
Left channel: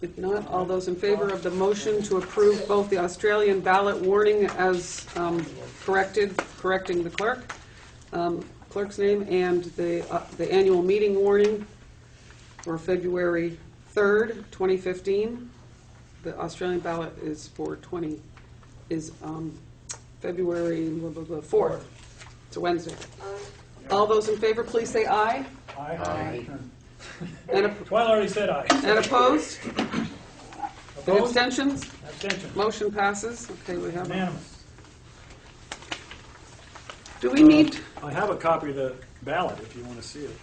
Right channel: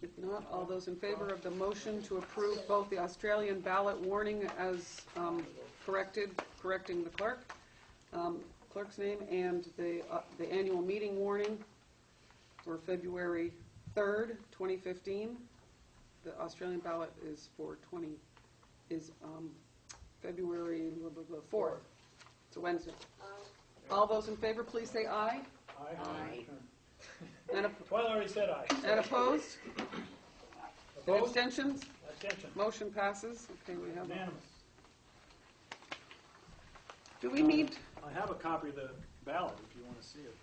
If not, all those in favor of the motion to approve both the Australian ballot warning as correcting the clerk, clerk's name, and the annual meeting warning for February 3rd, 2015. The Australian ballot is for February 4th. It's a Wednesday. All those in favor, please say aye. Aye. And Well, already said aye. opposed? And Opposed? abstentions? Abstention. Motion passes. Okay, we have. Unanimous. Do we need, I have a copy of the ballot if you want to see it.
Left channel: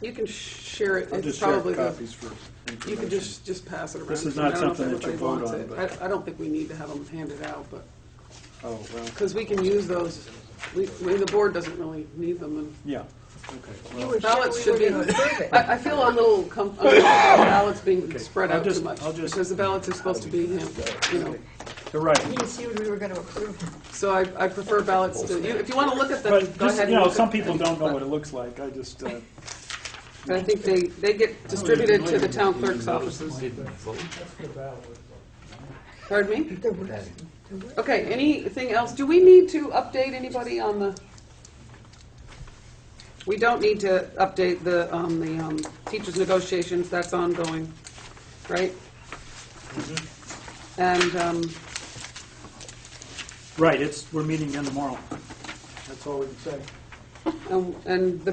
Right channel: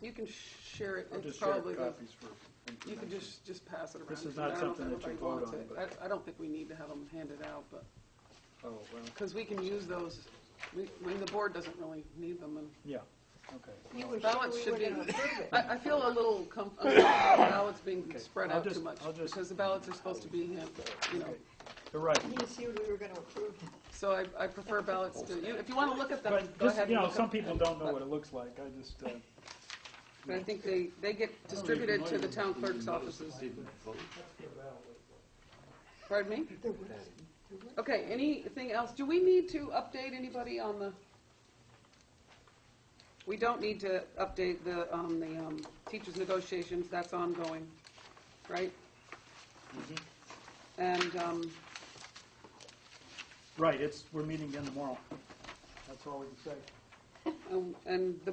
you can share it. I'll It's just share probably the, copies for you can information. just pass it around. This is I not don't know if something that you everybody vote wants on, it. I don't think we need to have them handed out, but, Oh, well, because we can use those. The board doesn't really need them, and yeah, okay. You Well, were ballots sure should we be, were going to approve it. I feel a little uncomfortable with ballots being Okay, spread I'll out too just- much, I'll just- because the ballots are supposed to be, you know, You're right. He assumed we were going to approve it. so I prefer ballots to, if you want to look at them, But go just, ahead you and know, look some at people them, don't know but- what it looks like. I just, I think they get distributed to the town clerk's offices. Didn't vote. Pardon me? The worst. Okay, anything else? Do we need to update anybody on the? We don't need to update the teachers' negotiations, that's ongoing, right? And, right, we're meeting again tomorrow. That's all we can say. and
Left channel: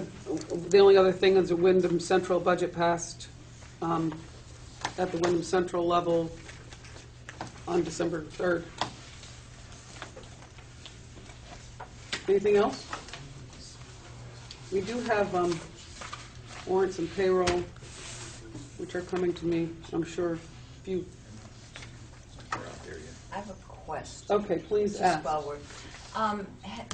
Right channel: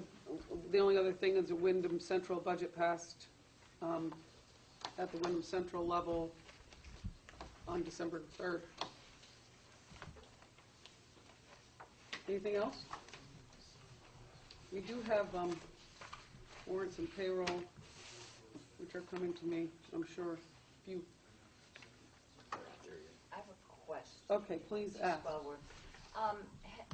the only other thing is the Wyndham Central budget passed at the Wyndham Central level on December 3rd. Anything else? We do have warrants and payroll, which are coming to me, I'm sure. If you, I have a question. okay, please Just ask. while we're,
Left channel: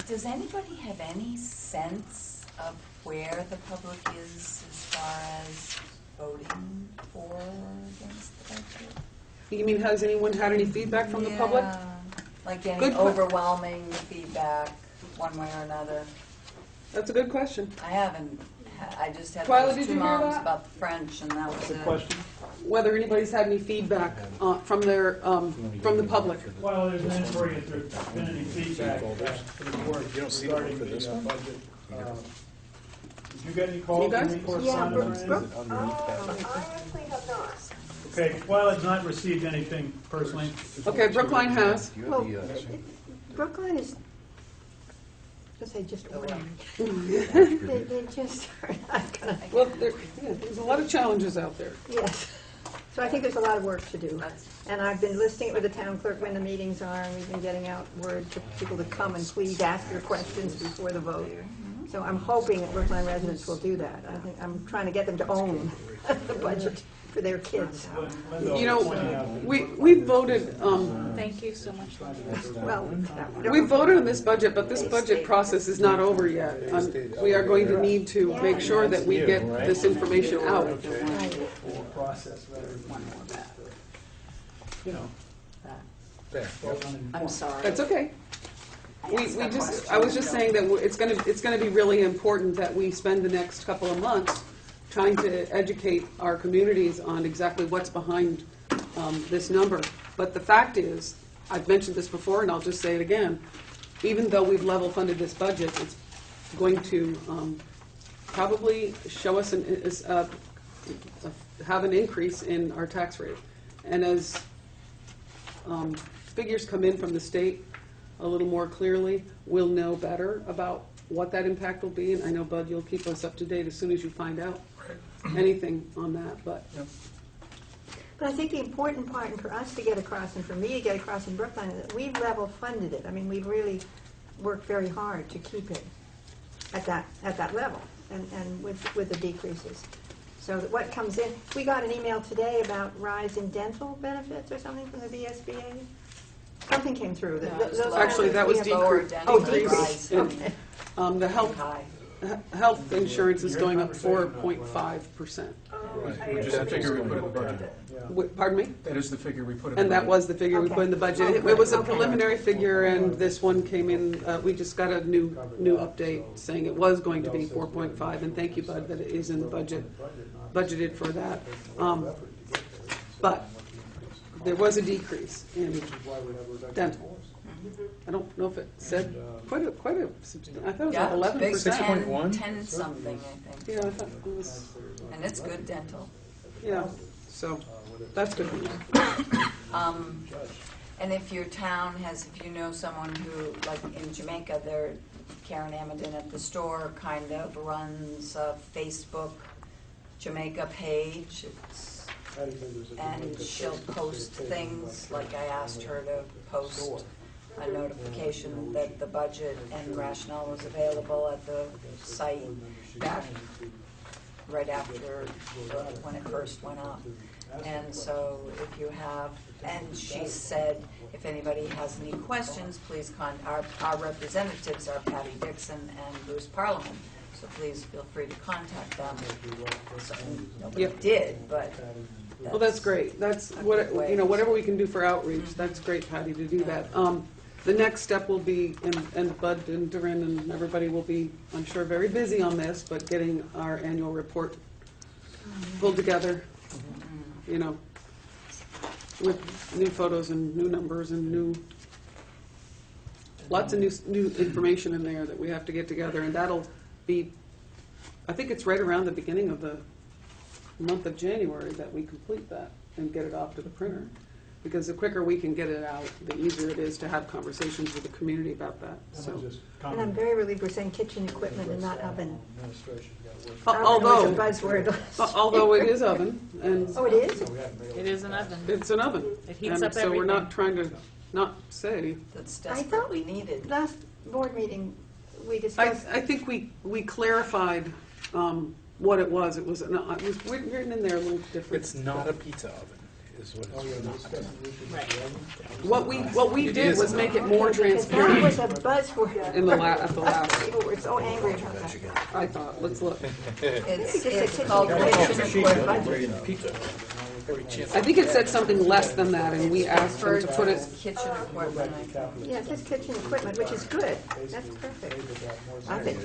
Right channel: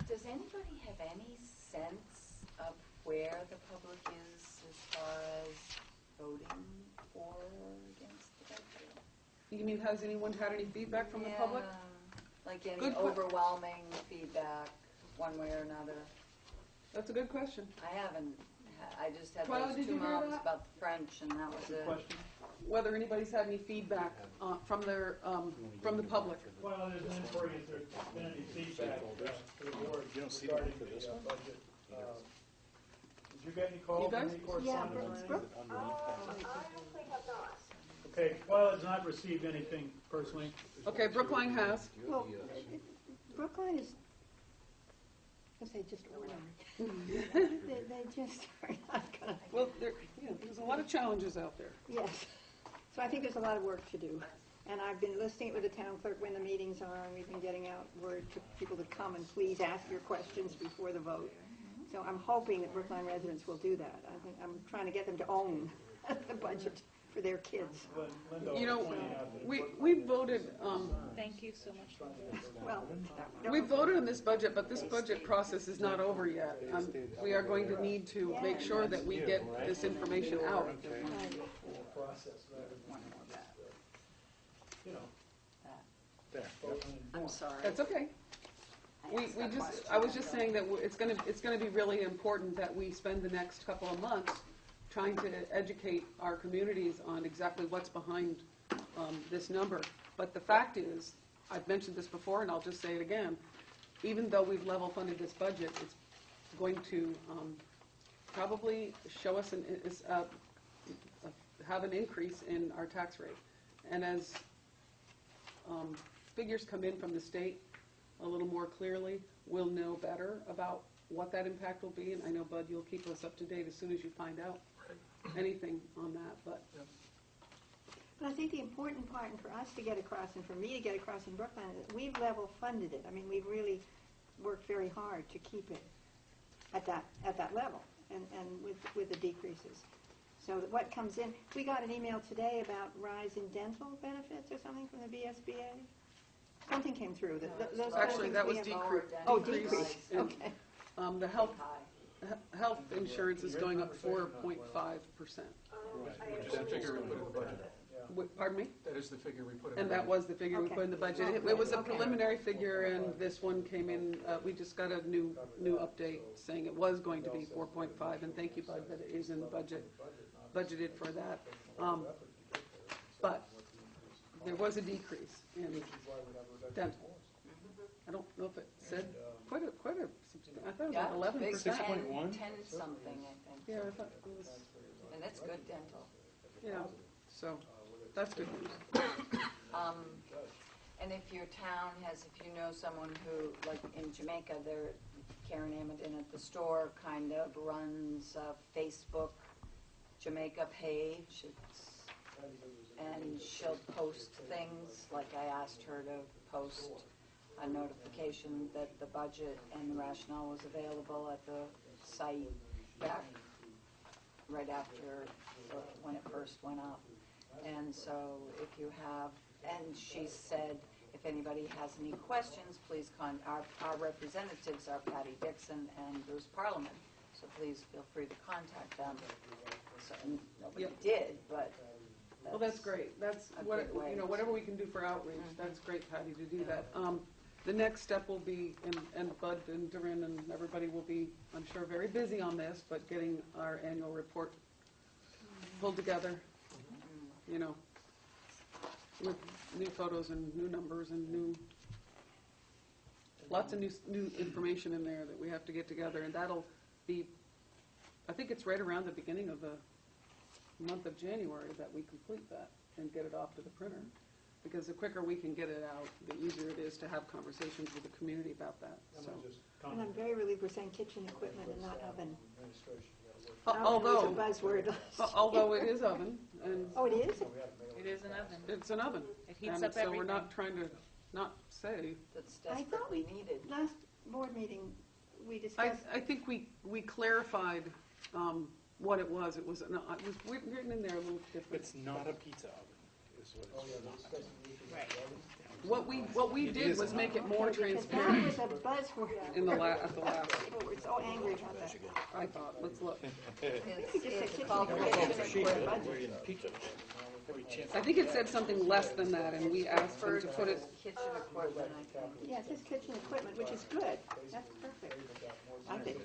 does anybody have any sense of where the public is as far as voting for or against the budget? You mean, has anyone had any feedback from the public? Yeah, like any Good que- overwhelming feedback, one way or another? That's a good question. I haven't, I just had Twyla, those did two you hear moms that? about the French, and that was Good it. question. Whether anybody's had any feedback from the public. Well, there's an inquiry if there's been any feedback to the board You don't see the one regarding for this the one? budget. Did you get any calls? You guys? Any correspondence Yeah, or Is it anything? underneath that? I actually have not. Okay, Twyla's not received anything personally. Okay, Brookline has. Do you Well, have the, Brookline is, because they just ordinary. They just are not going to, Well, there's a lot of challenges out there. yes. So I think there's a lot of work to do. That's- And I've been listing it with the town clerk when the meetings are, and we've been getting out word to people to come and please ask your questions before the vote. So I'm hoping that Brookline residents will do that. I think, I'm trying to get them to own the budget for their kids. You know, we voted, Thank you so much, Linda. Well, we voted on this budget, but this budget process is not over yet. We are going to need to make sure that we get this information out. Whole process rather than One more bad. you know. There, yep. I'm sorry. That's okay. I asked that question. I was just saying that it's gonna be really important that we spend the next couple of months trying to educate our communities on exactly what's behind this number. But the fact is, I've mentioned this before and I'll just say it again, even though we've level funded this budget, it's going to probably show us have an increase in our tax rate. And as figures come in from the state a little more clearly, we'll know better about what that impact will be. And I know, Bud, you'll keep us up to date as soon as you find out anything on that. But But I think the important part, and for us to get across, and for me to get across in Brookline, is that we've level funded it. I mean, we've really worked very hard to keep it at that level, and with the decreases. So that what comes in, we got an email today about rise in dental benefits or something from the VSBA. Something came through. No, it was Those lower. actually, that was we have- Lower decrease. dental decrease. rise. And the health High. insurance is going up 4.5%. Right. Which is the figure we put in the budget. Pardon me? That is the figure we put in the budget. And that was the figure we put in the budget. It was a Okay. preliminary figure, and this one came in, we just got a new update saying it was going to be 4.5, and thank you, Bud, that it is in the budget, budgeted for that. But there was a decrease in dental. I don't know if it said quite a, I thought it was Yeah, like big 11%. 6.1? 10 something, I think. Yeah, I thought it was, And it's good dental. yeah, so that's good news. And if your town has, if you know someone who, like in Jamaica, Karen Amadin at the store kind of runs a Facebook Jamaica page. And she'll post things, like I asked her to post a notification that the budget and rationale was available at the site back right after, when it first went up. And so if you have, and she said, if anybody has any questions, please our representatives are Patty Dixon and Bruce Parliament. So please feel free to contact them. So nobody Yep. did, but Well, that's great. That's a what, good way. whatever we can do for outreach, that's great, Patty, to do that. The next step will be, and Bud and Durin and everybody will be, I'm sure, very busy on this, but getting our annual report pulled together, you know, with new photos and new numbers and lots of new information in there that we have to get together, and that'll be, I think it's right around the beginning of the month of January that we complete that and get it off to the printer. Because the quicker we can get it out, the easier it is to have conversations with the community about that, so. And I'm very relieved we're saying kitchen equipment and not oven. Although, Oven was a buzzword. although it is oven, and Oh, it is? It is an oven. it's an oven. It heats And up so we're everything. not trying to not say. that's I thought desperately needed. last board meeting, we I discussed, think we clarified what it was. It was written in there a little different. It's not a pizza oven, is what it's not. Right. What we It did is was not. make it more because that was transparent a buzzword. in at the last. People were so angry about that. I thought, let's look. It's called kitchen equipment. Every chance. I think it said something less than that, and we asked them to put it. Kitchen equipment, I think. Yeah, it says kitchen equipment, which is good. That's perfect. I think.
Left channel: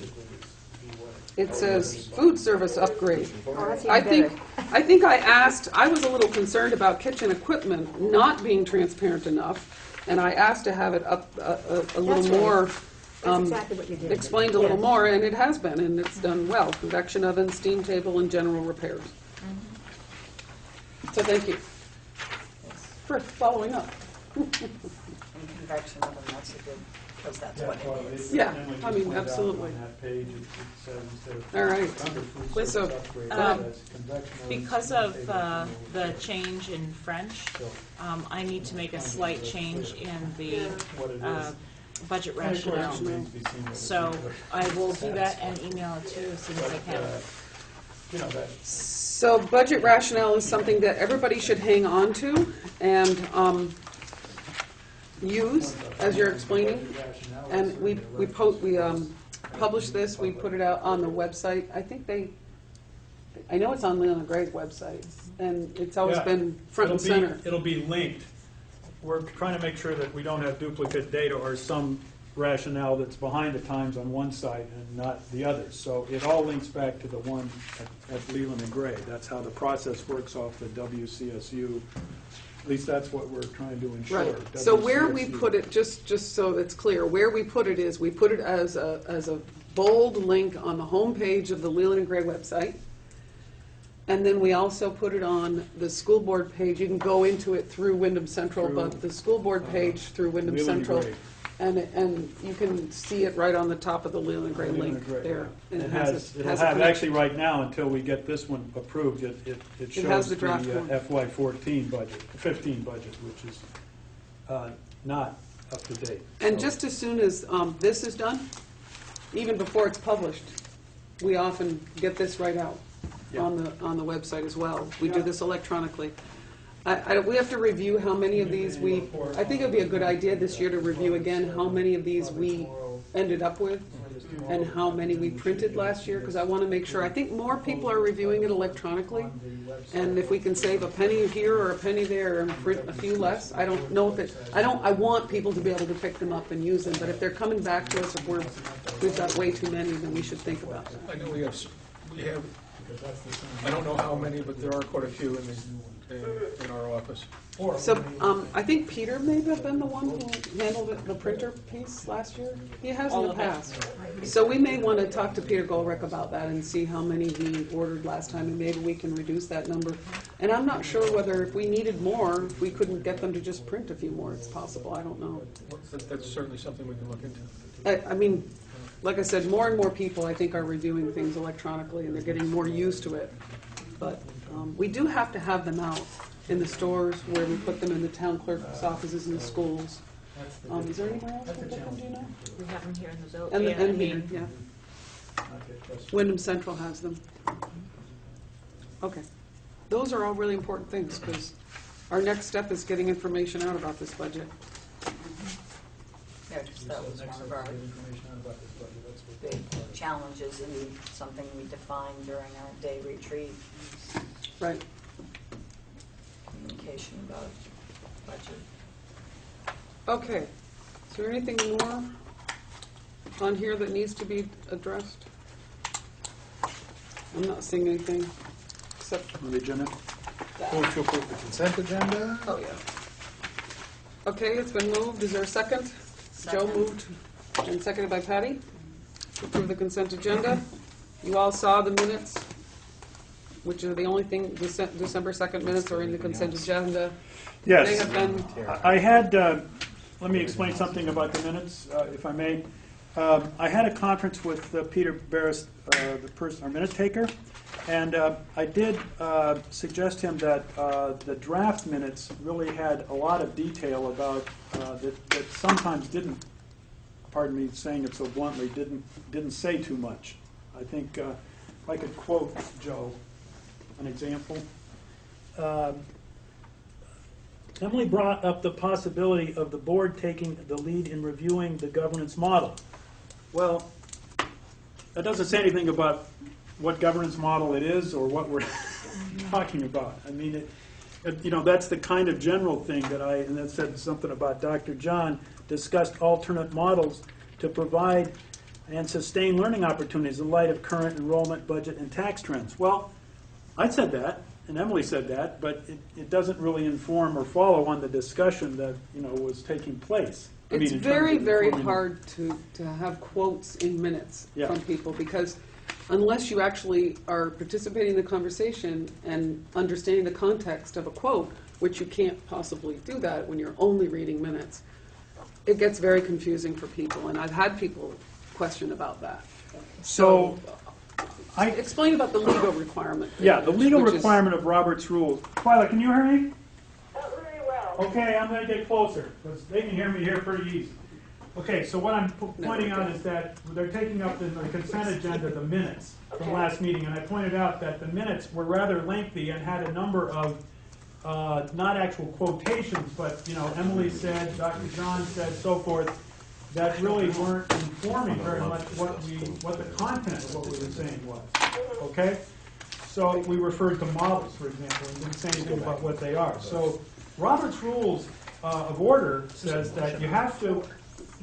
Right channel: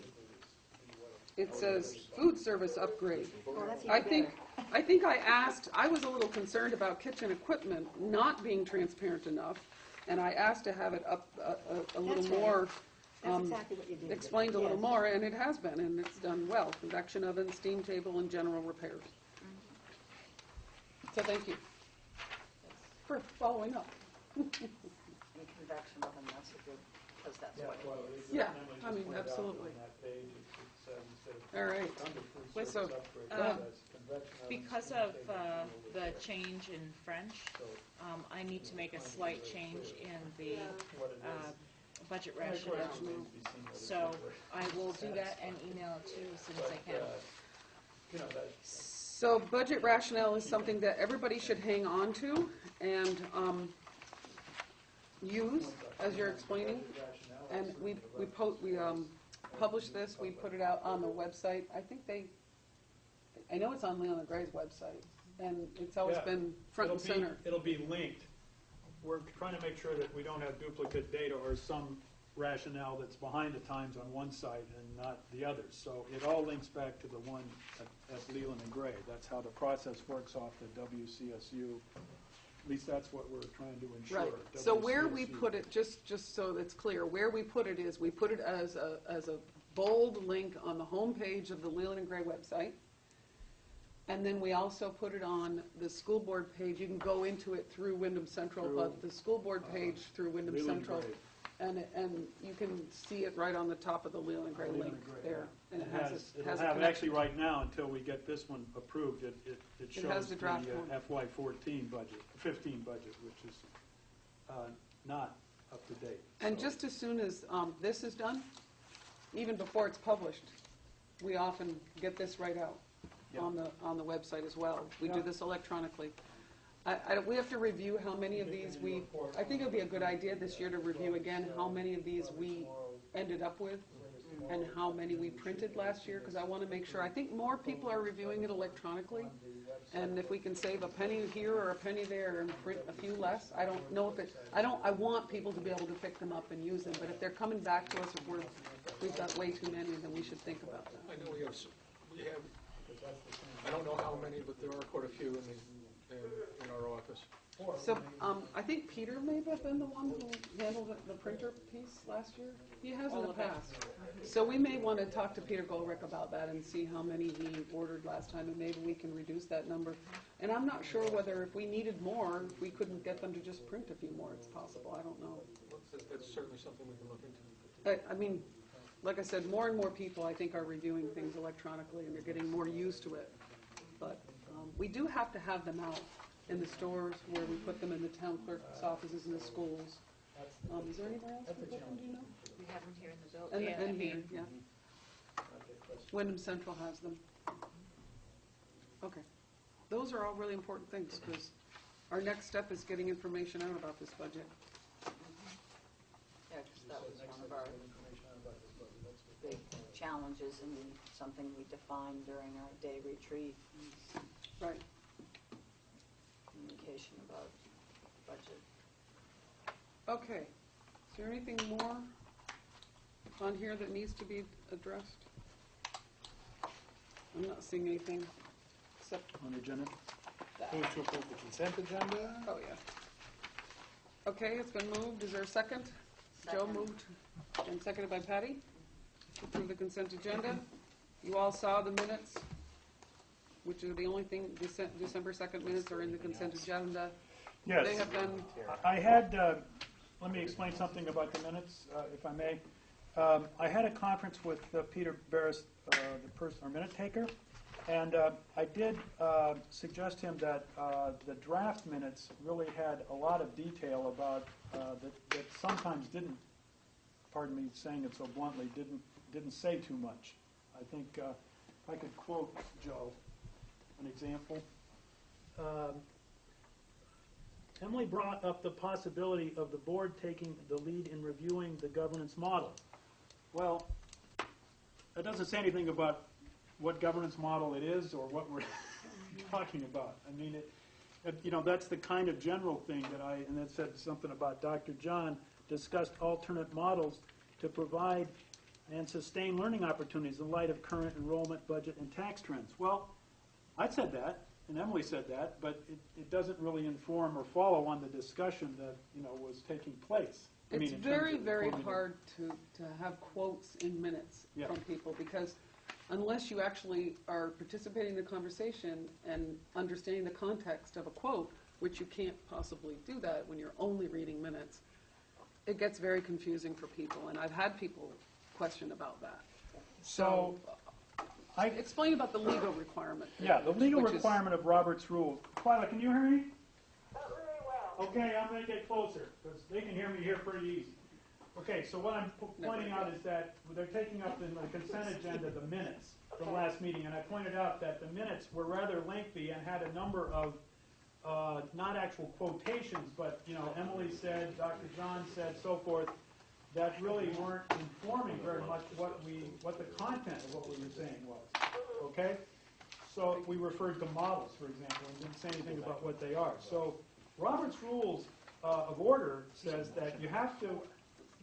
It says food service upgrade. Oh, that's I even think, better. I think I asked, I was a little concerned about kitchen equipment not being transparent enough, and I asked to have it up a little That's right. more, That's exactly what you did. explained a little Yes. more, and it has been, and it's done well. Convection oven, steam table, and general repairs. So thank you for following up. And convection oven, that's a good because that's what it is. Yeah, Emily I just mean, pointed out absolutely. On that page, it says instead of. All right. under food With- service so, upgrade, um, it says convection ovens, Because small of table the tables. change in French, So I need to make a slight change in the what it uh, is. budget And of course, rationale. it remains to be seen what it So is, I will do that and email it to you as soon as I but, can. you know, that, So budget rationale is something that everybody should hang on to and use as you're explaining. And we published this, we put it out on the website. I know it's on Leland and Gray's website, and it's always Yeah. been front and center. It'll be linked. We're trying to make sure that we don't have duplicate data or some rationale that's behind the times on one site and not the other. So it all links back to the one at Leland and Gray. That's how the process works off the WCSU. At least that's what we're trying to ensure. Right. So where we WCSU. put it, just so it's clear, where we put it is, we put it as a bold link on the homepage of the Leland and Gray website. And then we also put it on the school board page. You can go into it through Wyndham Central, Through, but the school board page through Wyndham Leland and Central. Gray. And you can see it right on the top of the Leland and Gray Leland link and Gray, there. yeah. And It has has, a it'll have, connection. actually right now, until we get this one approved, it has shows the the draft one. FY14 budget, 15 budget, which is not up to date. And So- just as soon as this is done, even before it's published, we often get this right out Yeah. on the website as well. We do Yeah. this electronically. We have to review how many of these I think it would be a good idea this year to review again how many of these we ended up with and how many we printed last year, because I want to make sure, I think more people are reviewing it electronically. And if we can save a penny here or a penny there and print a few less, I don't know if it, I want people to be able to pick them up and use them, but if they're coming back to us, if we've got way too many, then we should think about that. I know we have, I don't know how many, but there are quite a few in our office. So, I think Peter may have been the one who handled the printer piece last year. He has in All the of it. past. So we may want to talk to Peter Golrick about that and see how many he ordered last time, and maybe we can reduce that number. And I'm not sure whether if we needed more, if we couldn't get them to just print a few more. It's possible, I don't know. That's certainly something we can look into. I mean, like I said, more and more people, I think, are reviewing things electronically, and they're getting more used to it. But we do have to have them out in the stores, where we put them in the town clerk's offices in the schools. Is there anywhere else we put them, do you know? We have them here in the zone. And Yeah, I and here, mean, yeah. Wyndham Central has them. Okay. Those are all really important things, because our next step is getting information out about this budget. Yeah, because that was one of our big challenges and something we defined during our day retreat, Right. communication about budget. Okay. Is there anything more on here that needs to be addressed? I'm not seeing anything, except On the agenda? that. Move to approve the consent agenda? Oh, yeah. Okay, it's been moved. Is there a second? Joe Second. moved and seconded by Patty to approve the consent agenda. You all saw the minutes, which are the only thing, December 2nd minutes are in the consent agenda. They Yes. have been, I had, let me explain something about the minutes, if I may. I had a conference with Peter Barris, our minute taker, and I did suggest him that the draft minutes really had a lot of detail about, that sometimes didn't, pardon me saying it so bluntly, didn't say too much. I think if I could quote Joe an example. Emily brought up the possibility of the board taking the lead in reviewing the governance model. Well, that doesn't say anything about what governance model it is or what we're talking about. I mean, that's the kind of general thing and that said something about Dr. John discussed alternate models to provide and sustain learning opportunities in light of current enrollment, budget, and tax trends. Well, I said that, and Emily said that, but it doesn't really inform or follow on the discussion that was taking place. it's in terms very, of very informing- hard to have quotes in minutes Yeah. from people, because unless you actually are participating in the conversation and understanding the context of a quote, which you can't possibly do that when you're only reading minutes, it gets very confusing for people, and I've had people question about that. So, I, Explain about the legal requirement. yeah, the legal which is- requirement of Robert's rules. Twyla, can you hear me? Not very well. Okay, I'm gonna get closer, because they can hear me here pretty easy. Okay, so what I'm pointing out is that they're taking up in the consent agenda the minutes from last meeting, and I pointed out that the minutes were rather lengthy and had a number of, not actual quotations, but, you know, Emily said, Dr. John said, so forth, that really weren't informing very much what the content of what we were saying was, okay? So we referred to models, for example, and didn't say anything about what they are. So Robert's Rules of Order says that you have to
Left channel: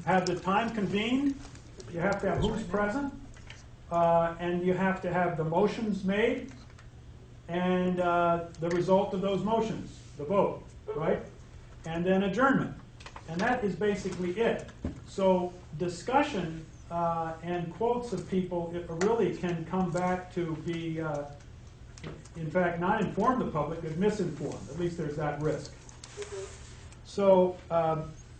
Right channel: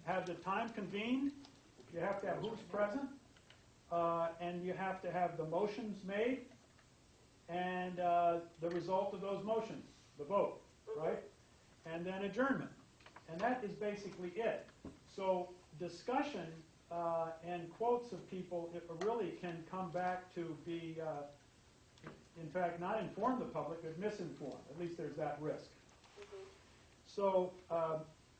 have the time convened, you have to have who's present, and you have to have the motions made, and the result of those motions, the vote, right? And then adjournment. And that is basically it. So discussion and quotes of people, it really can come back to be, in fact, not inform the public, but misinform. At least there's that risk. So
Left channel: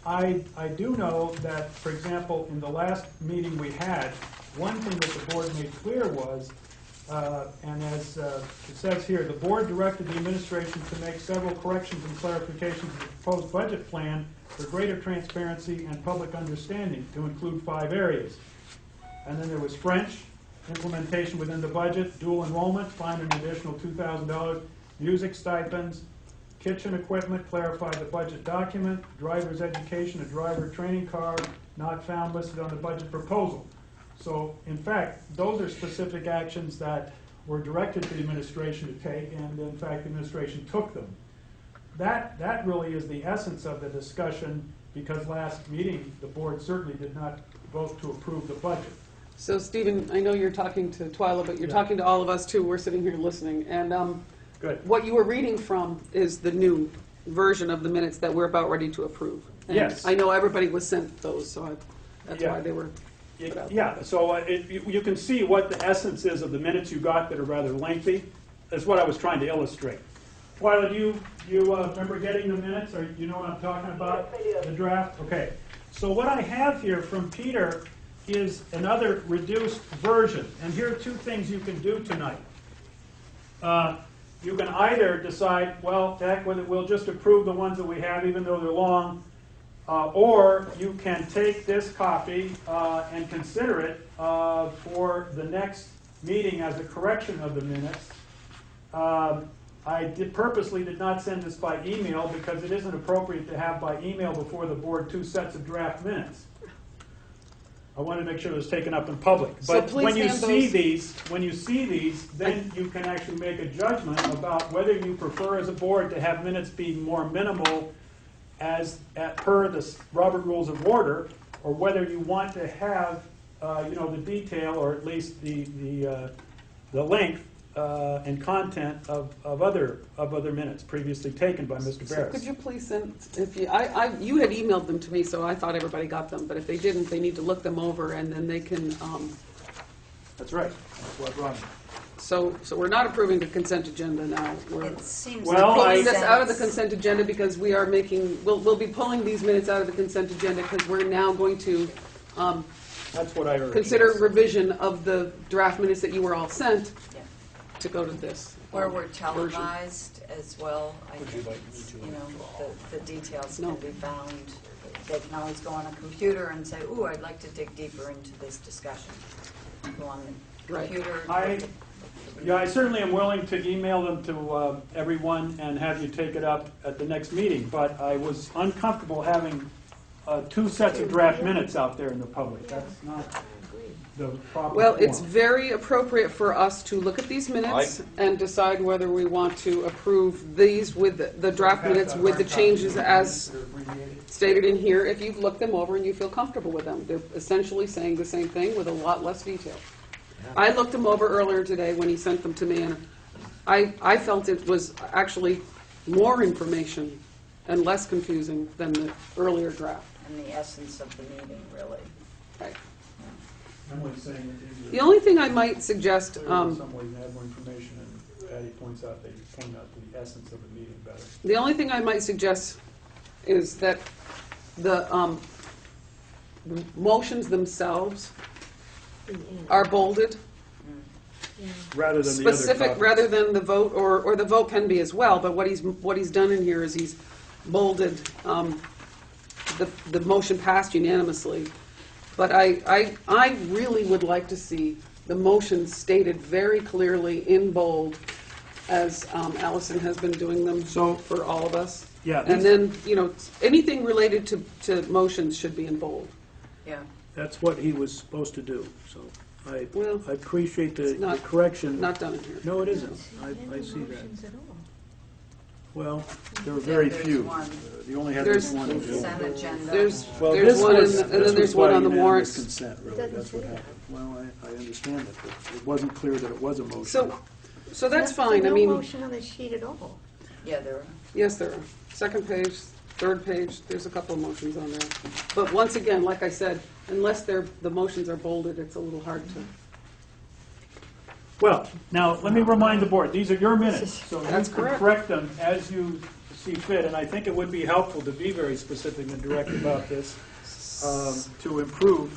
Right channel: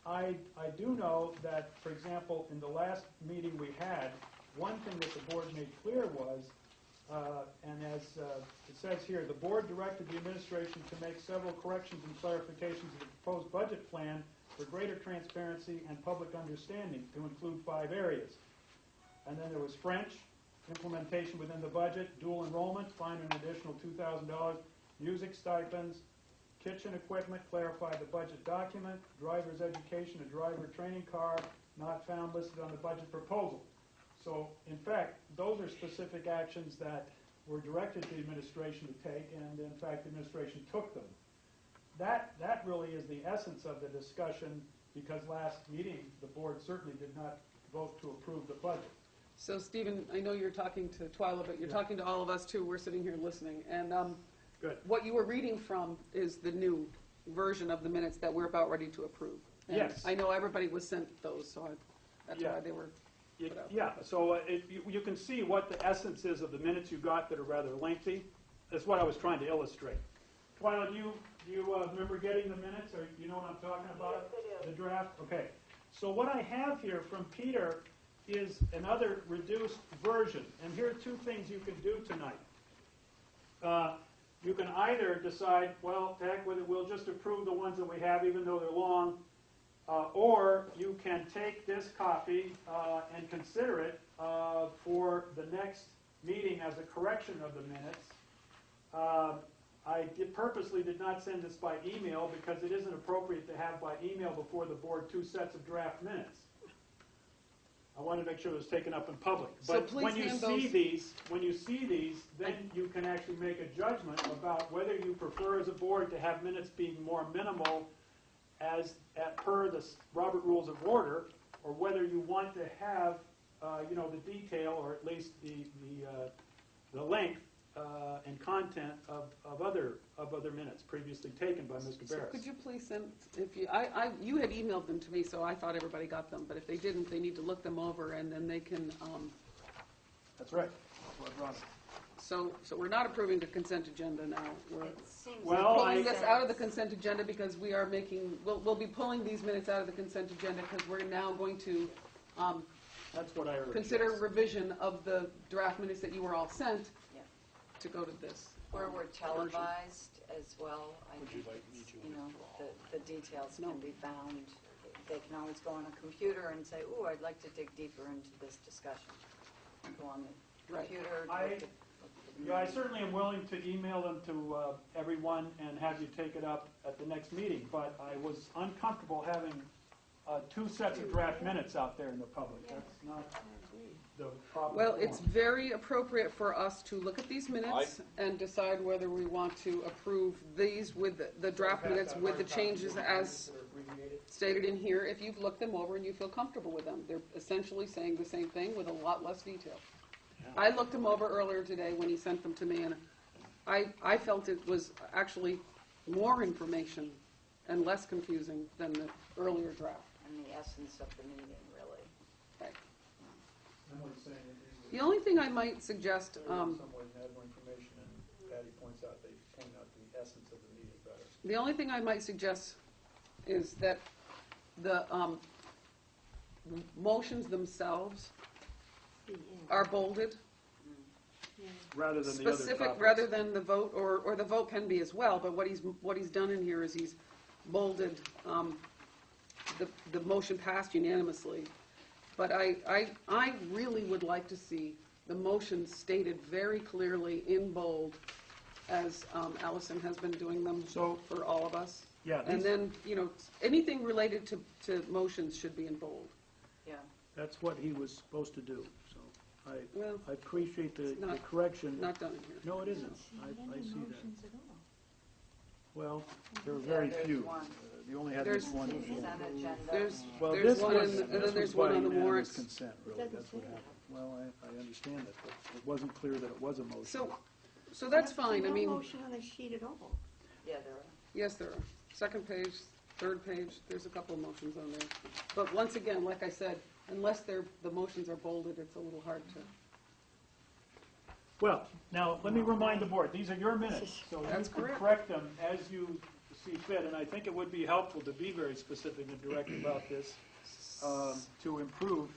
I do know that, for example, in the last meeting we had, one thing that the board made clear was, and as it says here, the board directed the administration to make several corrections and clarifications to the proposed budget plan for greater transparency and public understanding, to include 5 areas. And then there was French, implementation within the budget, dual enrollment, find an additional $2,000, music stipends, kitchen equipment, clarify the budget document, driver's education, a driver training car, not found listed on the budget proposal. So, in fact, those are specific actions that were directed to the administration to take, and in fact, the administration took them. That really is the essence of the discussion, because last meeting, the board certainly did not vote to approve the budget. So, Stephen, I know you're talking to Twyla, but you're talking to all of us too. We're sitting here listening. And Good. what you were reading from is the new version of the minutes that we're about ready to approve. And Yes. I know everybody was sent those, so that's Yeah. why they were. Yeah, so you can see what the essence is of the minutes you got that are rather lengthy. That's what I was trying to illustrate. Twyla, do you remember getting the minutes, or you know what I'm talking about? Yes, I do. The draft? Okay. So what I have here from Peter is another reduced version. And here are 2 things you can do tonight. You can either decide, well, heck with it, we'll just approve the ones that we have, even though they're long, or you can take this copy and consider it for the next meeting as a correction of the minutes. I purposely did not send this by email because it isn't appropriate to have by email before the board 2 sets of draft minutes. I wanted to make sure it was taken up in public. So But please when you hand see those- these, then you can actually make a judgment about whether you prefer as a board to have minutes be more minimal per the Robert Rules of Order, or whether you want to have, the detail, or at least the length and content of other minutes previously taken by Mr. So Barris. could you please send, if you, you had emailed them to me, so I thought everybody got them, but if they didn't, they need to look them over, and then they can, That's right. That's what brought me. so we're not approving the consent agenda now. We're It seems Well, to I- make pulling this out of the sense. consent agenda because we are making, we'll be pulling these minutes out of the consent agenda because we're now going to That's what I heard. consider yes. revision of the draft minutes that you were all sent Yeah. to go to this. Where we're version. televised as well, I Would think, you like me to you know, withdraw? the details No. can be found. They can always go on a computer and say, ooh, I'd like to dig deeper into this discussion. Go on the Right. computer. I- look at- Yeah, I certainly am willing to email them to everyone and have you take it up at the next meeting, but I was uncomfortable having 2 sets of draft minutes out there in the public. That's not the proper Well, form. it's very appropriate for us to look at these minutes and decide whether we want to approve these with the draft minutes with the changes as stated in here, if you've looked them over and you feel comfortable with them. They're essentially saying the same thing with a lot less detail. I looked them over earlier today when he sent them to me, and I felt it was actually more information and less confusing than the earlier draft. And the essence of the meeting, really. Right. Emily's saying that these The are only thing I might suggest, clear in some ways and add more information, and Patty points out, they point out the essence of the meeting better. the only thing I might suggest is that the motions themselves are bolded, Rather than the other specific, topics. rather than the vote, or the vote can be as well, but what he's done in here is he's bolded, the motion passed unanimously. But I really would like to see the motion stated very clearly in bold, as Allison has been doing them So- for all of us. Yeah, And these- then, anything related to motions should be in bold. Yeah. that's what he was supposed to do, so Well, I appreciate the it's not- correction. Not done in here. No, it isn't. I see that. Motions at all. Well, there were Yeah, very there's few. one. You only had There's- this one. to do. Consent agenda. Well, There's this one was- and then this there's was one by on the unanimous warrants. consent, really. Doesn't That's what say that. happened. Well, I understand it, but it wasn't clear that it was a motion. So that's There's fine, I no mean, motion on the sheet at all. Yeah, there are. yes, there are. Second page, third page, there's a couple of motions on there. But once again, like I said, unless the motions are bolded, it's a little hard to. Well, now, let me remind the board, these are your minutes, so you That's can correct. correct them as you see fit, and I think it would be helpful to be very specific and direct about this, to improve,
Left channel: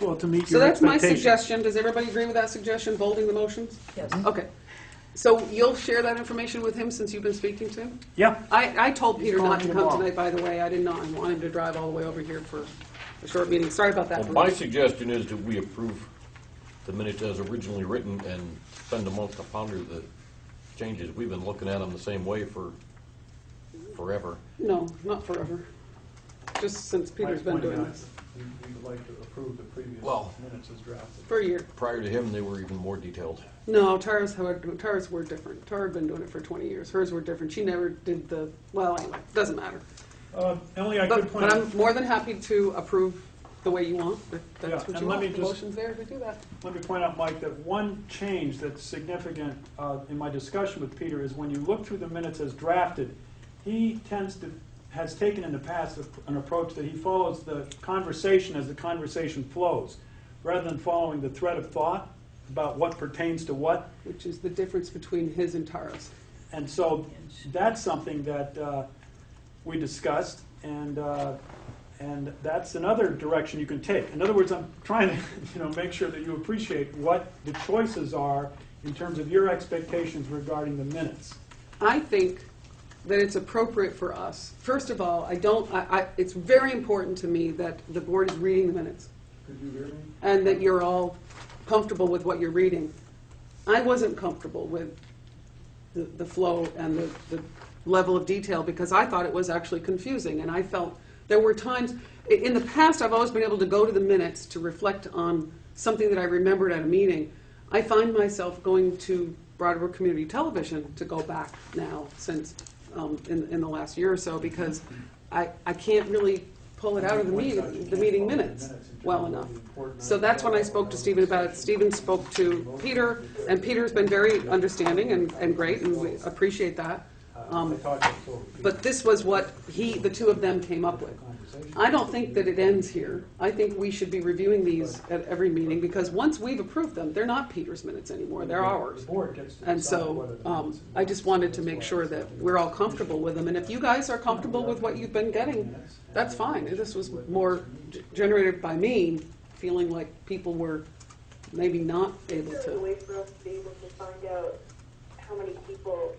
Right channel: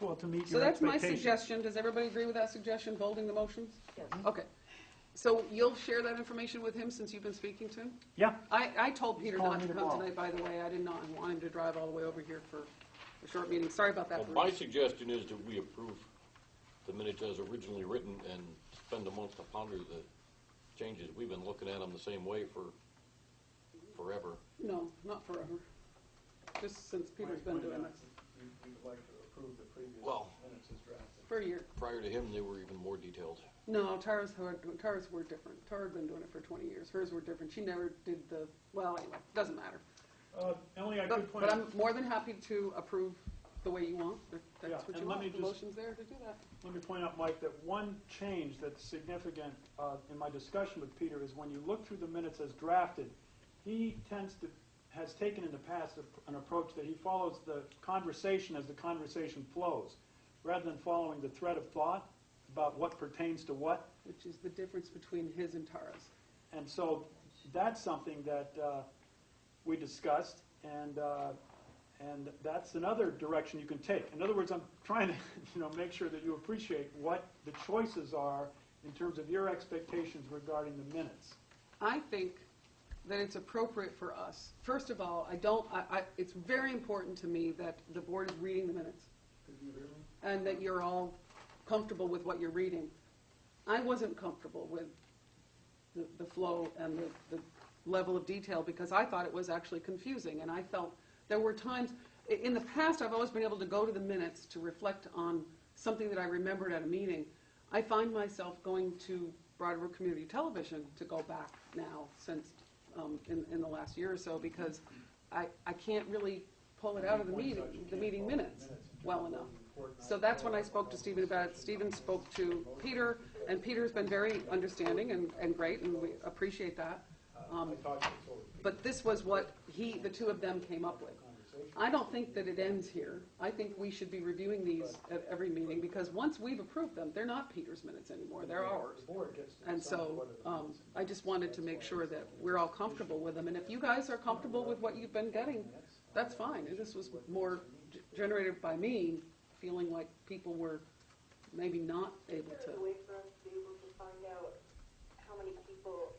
well, to meet So your that's my expectations. suggestion. Does everybody agree with that suggestion, bolding the motions? Yes. Okay. So you'll share that information with him since you've been speaking to him? Yeah, I told He's Peter not calling to you come tomorrow. tonight, by the way. I did not want him to drive all the way over here for a short meeting. Sorry about that, Well, my Bruce. suggestion is that we approve the minutes as originally written and spend a month to ponder the changes. We've been looking at them the same way for forever. No, not forever. Just since Peter's been doing this. We'd like to approve the previous Well- minutes as drafted. For a year. Prior to him, they were even more detailed. No, Tara's were different. Tara had been doing it for 20 years. Hers were different. She never did well, anyway, doesn't matter. Only I could point But out, I'm more than happy to approve the way you want, if Yeah, that's what and you let want. me The just- motion's there to do that. let me point out, Mike, that one change that's significant in my discussion with Peter is when you look through the minutes as drafted, he has taken in the past an approach that he follows the conversation as the conversation flows, rather than following the thread of thought about what pertains to what. Which is the difference between his and Tara's. And so that's something that we discussed, and that's another direction you can take. In other words, I'm trying to make sure that you appreciate what the choices are in terms of your expectations regarding the minutes. I think that it's appropriate for us. First of all, it's very important to me that the board is reading the minutes Could you hear me? and that you're all comfortable with what you're reading. I wasn't comfortable with the flow and the level of detail because I thought it was actually confusing, and I felt there were times, in the past I've always been able to go to the minutes to reflect on something that I remembered at a meeting. I find myself going to Brattleboro Community Television to go back now since in the last year or so because I can't really pull it out of the meeting minutes well enough. So that's when I spoke to Stephen about it. Stephen spoke to Peter, and Peter's been very understanding and great, and we appreciate that. But this was what the two of them came up with. I don't think that it ends here. I think we should be reviewing these at every meeting, because once we've approved them, they're not Peter's minutes anymore, they're ours. And so, I just wanted to make sure that we're all comfortable with them, and if you guys are comfortable with what you've been getting, that's fine. This was more generated by me, feeling like people were maybe not able Is there a to. way for us to be able to find out how many people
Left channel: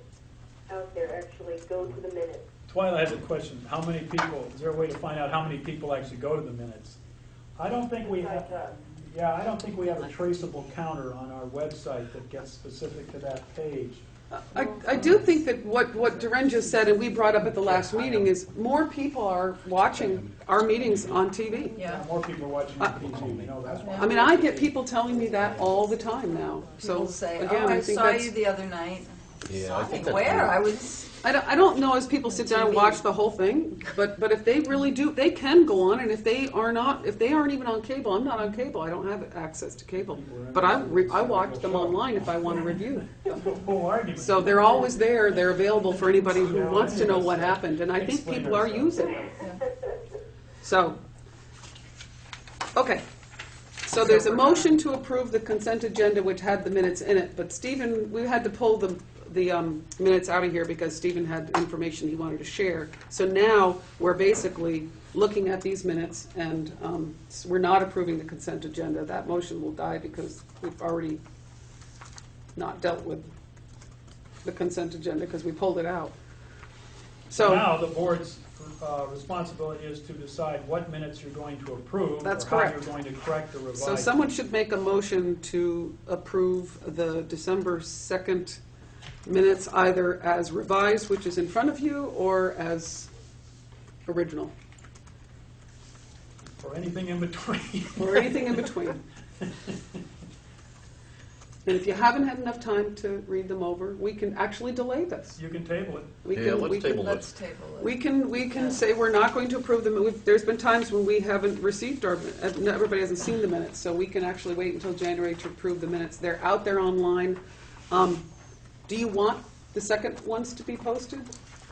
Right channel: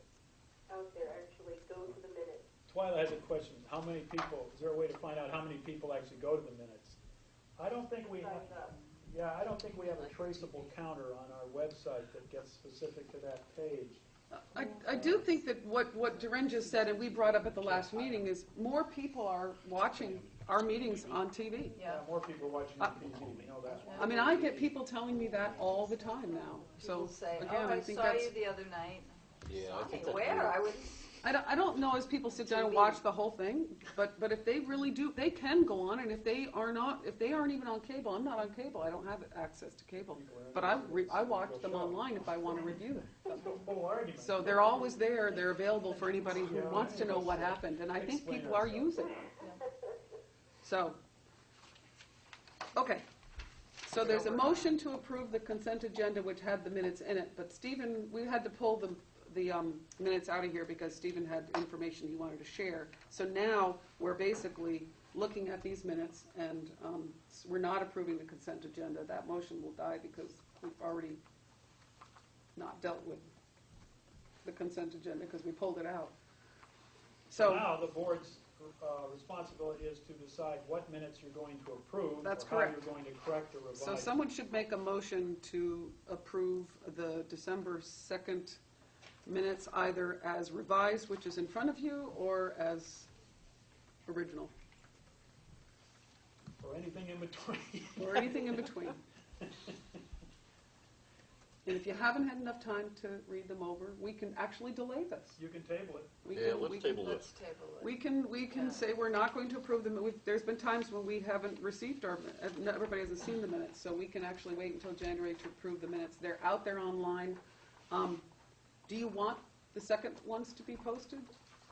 out there actually go to the minutes? Twyla has a question. How many people, is there a way to find out how many people actually go to the minutes? I don't think we have, I don't think we have a traceable counter on our website that gets specific to that page. I do think that what Duren just said, and we brought up at the last meeting, is more people are watching our meetings on TV. Yeah. More people are watching TV, you know that. I mean, I get people telling me that all the time now, so, People say, again, oh, I think saw that's. you the other night. Yeah, Saw I think me that's where? weird. I was, I don't know as people sit down and watch the whole thing, but if they really do, they can go on, and if they aren't even on cable, I'm not on cable, I don't have access to cable. But I watch them online if I want to review. Whole argument. So they're always there, they're available for anybody who wants to know what happened, and I think people are using them. So, okay. So there's a motion to approve the consent agenda which had the minutes in it, but Stephen, we had to pull the minutes out of here because Stephen had information he wanted to share. So now we're basically looking at these minutes, and we're not approving the consent agenda. That motion will die because we've already not dealt with the consent agenda because we pulled it out. So Now, the board's responsibility is to decide what minutes you're going to approve. That's or correct. how you're going to correct or revise. So someone should make a motion to approve the December 2nd minutes either as revised, which is in front of you, or as original, Or anything in between. or anything in between. And if you haven't had enough time to read them over, we can actually delay this. You can table it. We Yeah, can- we let's can- table it. Let's table it. We can say we're not going to approve them. There's been times when we haven't received our, everybody hasn't seen the minutes, so we can actually wait until January to approve the minutes. They're out there online. Do you want the second ones to be posted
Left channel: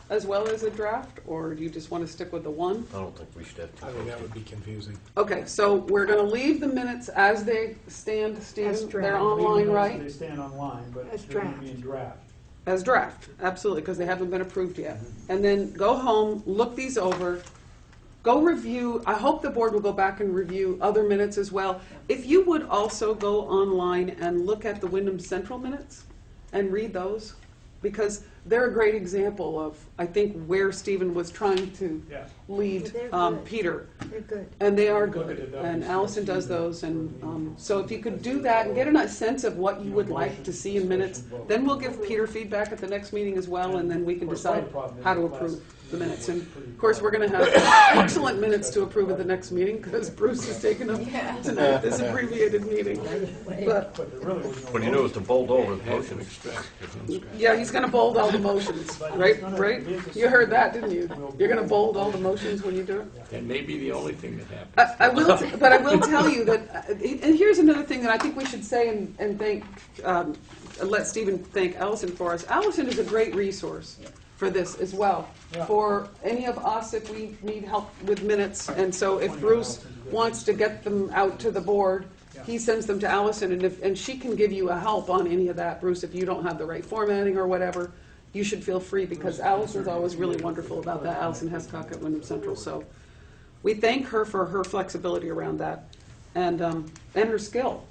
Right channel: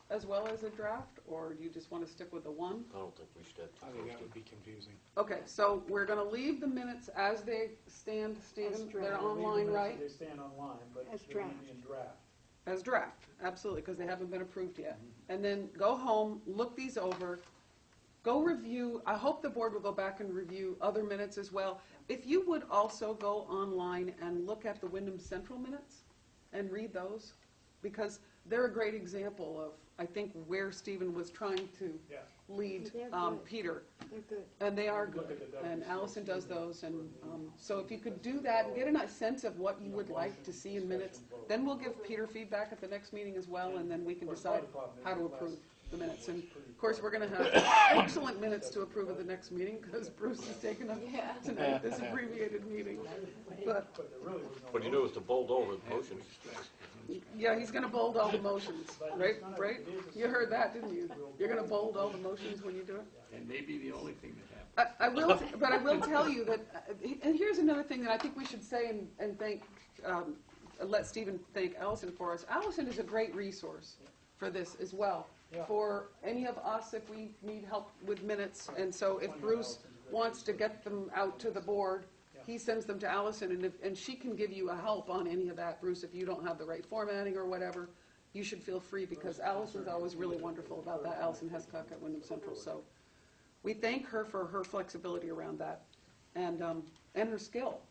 as well as a draft, or do you just want to stick with the one? I don't think we should have two I think that would posted. be confusing. Okay, so we're gonna leave the minutes as they stand, As Steve. They're draft. online, They right? stand online, but As they're going to draft. be in draft. As draft, absolutely, because they haven't been approved yet. And then go home, look these over, go review, I hope the board will go back and review other minutes as well. If you would also go online and look at the Wyndham Central minutes and read those, because they're a great example of, I think, where Stephen was trying to Yeah. lead They're good. Peter. They're good. And they are Look at good, the and Ws. Allison does those, and so if you could do that and get a nice sense of what you would like to see in minutes, then we'll give Peter feedback at the next meeting as well, and then we can decide how to approve the minutes. And of course, we're gonna have excellent minutes to approve at the next meeting, because Bruce has taken up tonight, this abbreviated meeting. But, But there really was no. What you do is to bold over the motion. yeah, he's gonna bold all the motions, right? You heard that, didn't you? You're gonna bold all the motions when you do it? That may be the only thing that happens. I will, but I will tell you that, and here's another thing that I think we should say and thank, let Stephen thank Allison for us. Allison is a great resource for this as well, Yeah. for any of us if we need help with minutes. And so if Bruce wants to get them out to the board, he sends them to Allison, and she can give you a help on any of that, Bruce, if you don't have the right formatting or whatever. You should feel free, because Allison's always really wonderful about that, Allison Hescock at Wyndham Central. So we thank her for her flexibility around that, and her skill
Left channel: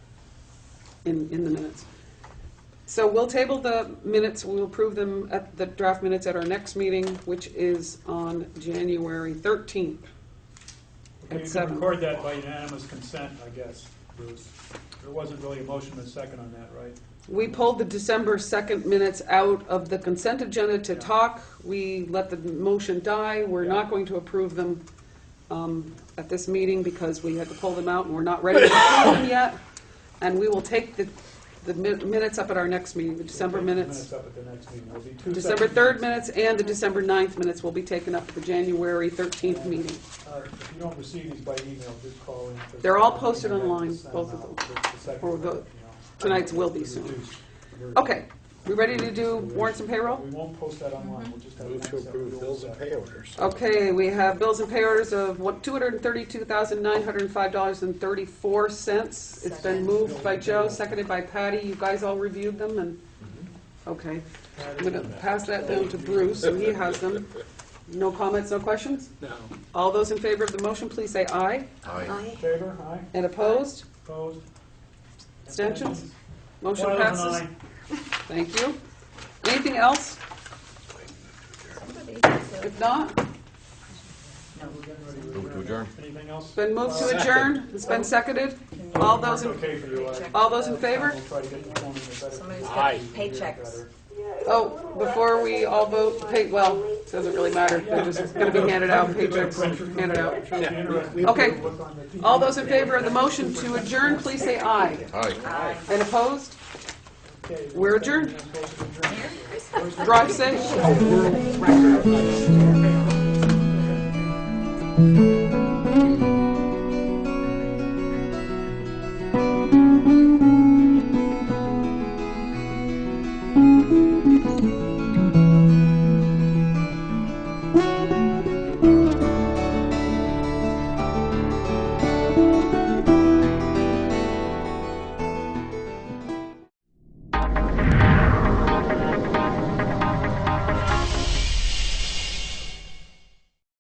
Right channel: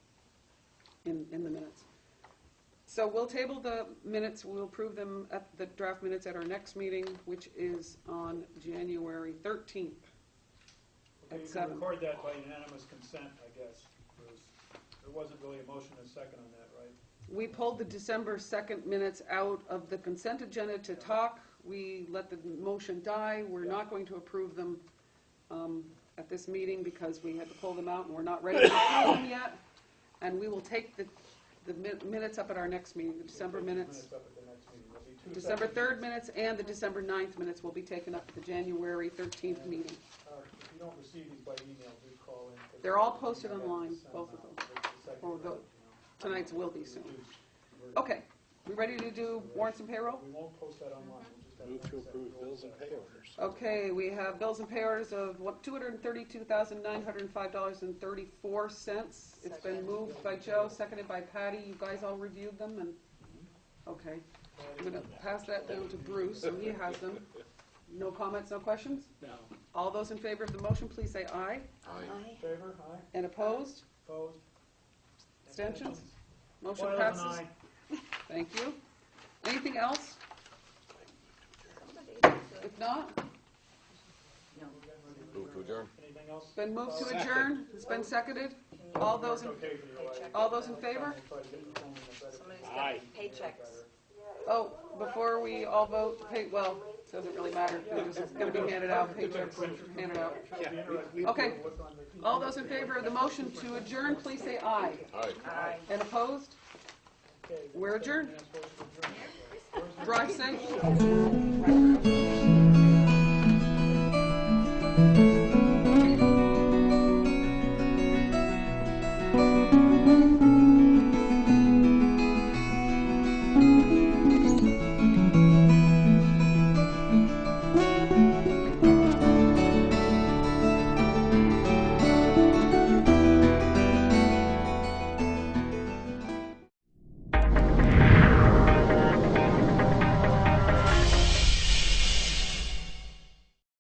in the minutes. So we'll table the minutes, we'll approve them at the draft minutes at our next meeting, which is on January 13th You at can 7. record that by unanimous consent, I guess, Bruce. There wasn't really a motion and a second on that, right? We pulled the December 2nd minutes out of the consent agenda to talk. We let the motion die. We're not going to approve them at this meeting because we had to pull them out, and we're not ready to approve them yet. And we will take the minutes up at our next meeting, the December We'll take the minutes. up at the next meeting. There'll be two December separate 3rd meetings. minutes and the December 9th minutes will be taken up at the January 13th meeting. If you don't receive these by email, just call in. They're all posted online, Send both of out them. the second Or one, the- you know. Tonight's will be soon. Reduced. Okay, we ready to do warrants and payroll? We won't post that online. We'll just have Move to one separate approve bills and pay orders. Okay, we have bills and pay orders of $232,905.34. It's been moved by Joe, seconded by Patty. You guys all reviewed them, and, okay. I'm gonna pass that down to Bruce, and he has them. No comments, no questions? No. All those in favor of the motion, please say aye. Aye. Favor, aye, And opposed? opposed? Abstentions? Motion Wyland, passes. aye. Thank you. Anything else? Somebody said- If not, Move to adjourn. Anything else? been moved to adjourn, it's been seconded. All those in, Okay for you, all those in favor? We'll try to get the phone in a better. Somebody's Aye. got paychecks. Oh, before we all vote, well, it doesn't really matter, they're just gonna be handed out, paychecks handed out. Okay, all those in favor of the motion to adjourn, please say aye. Aye. And opposed? We're adjourned. Drive safe.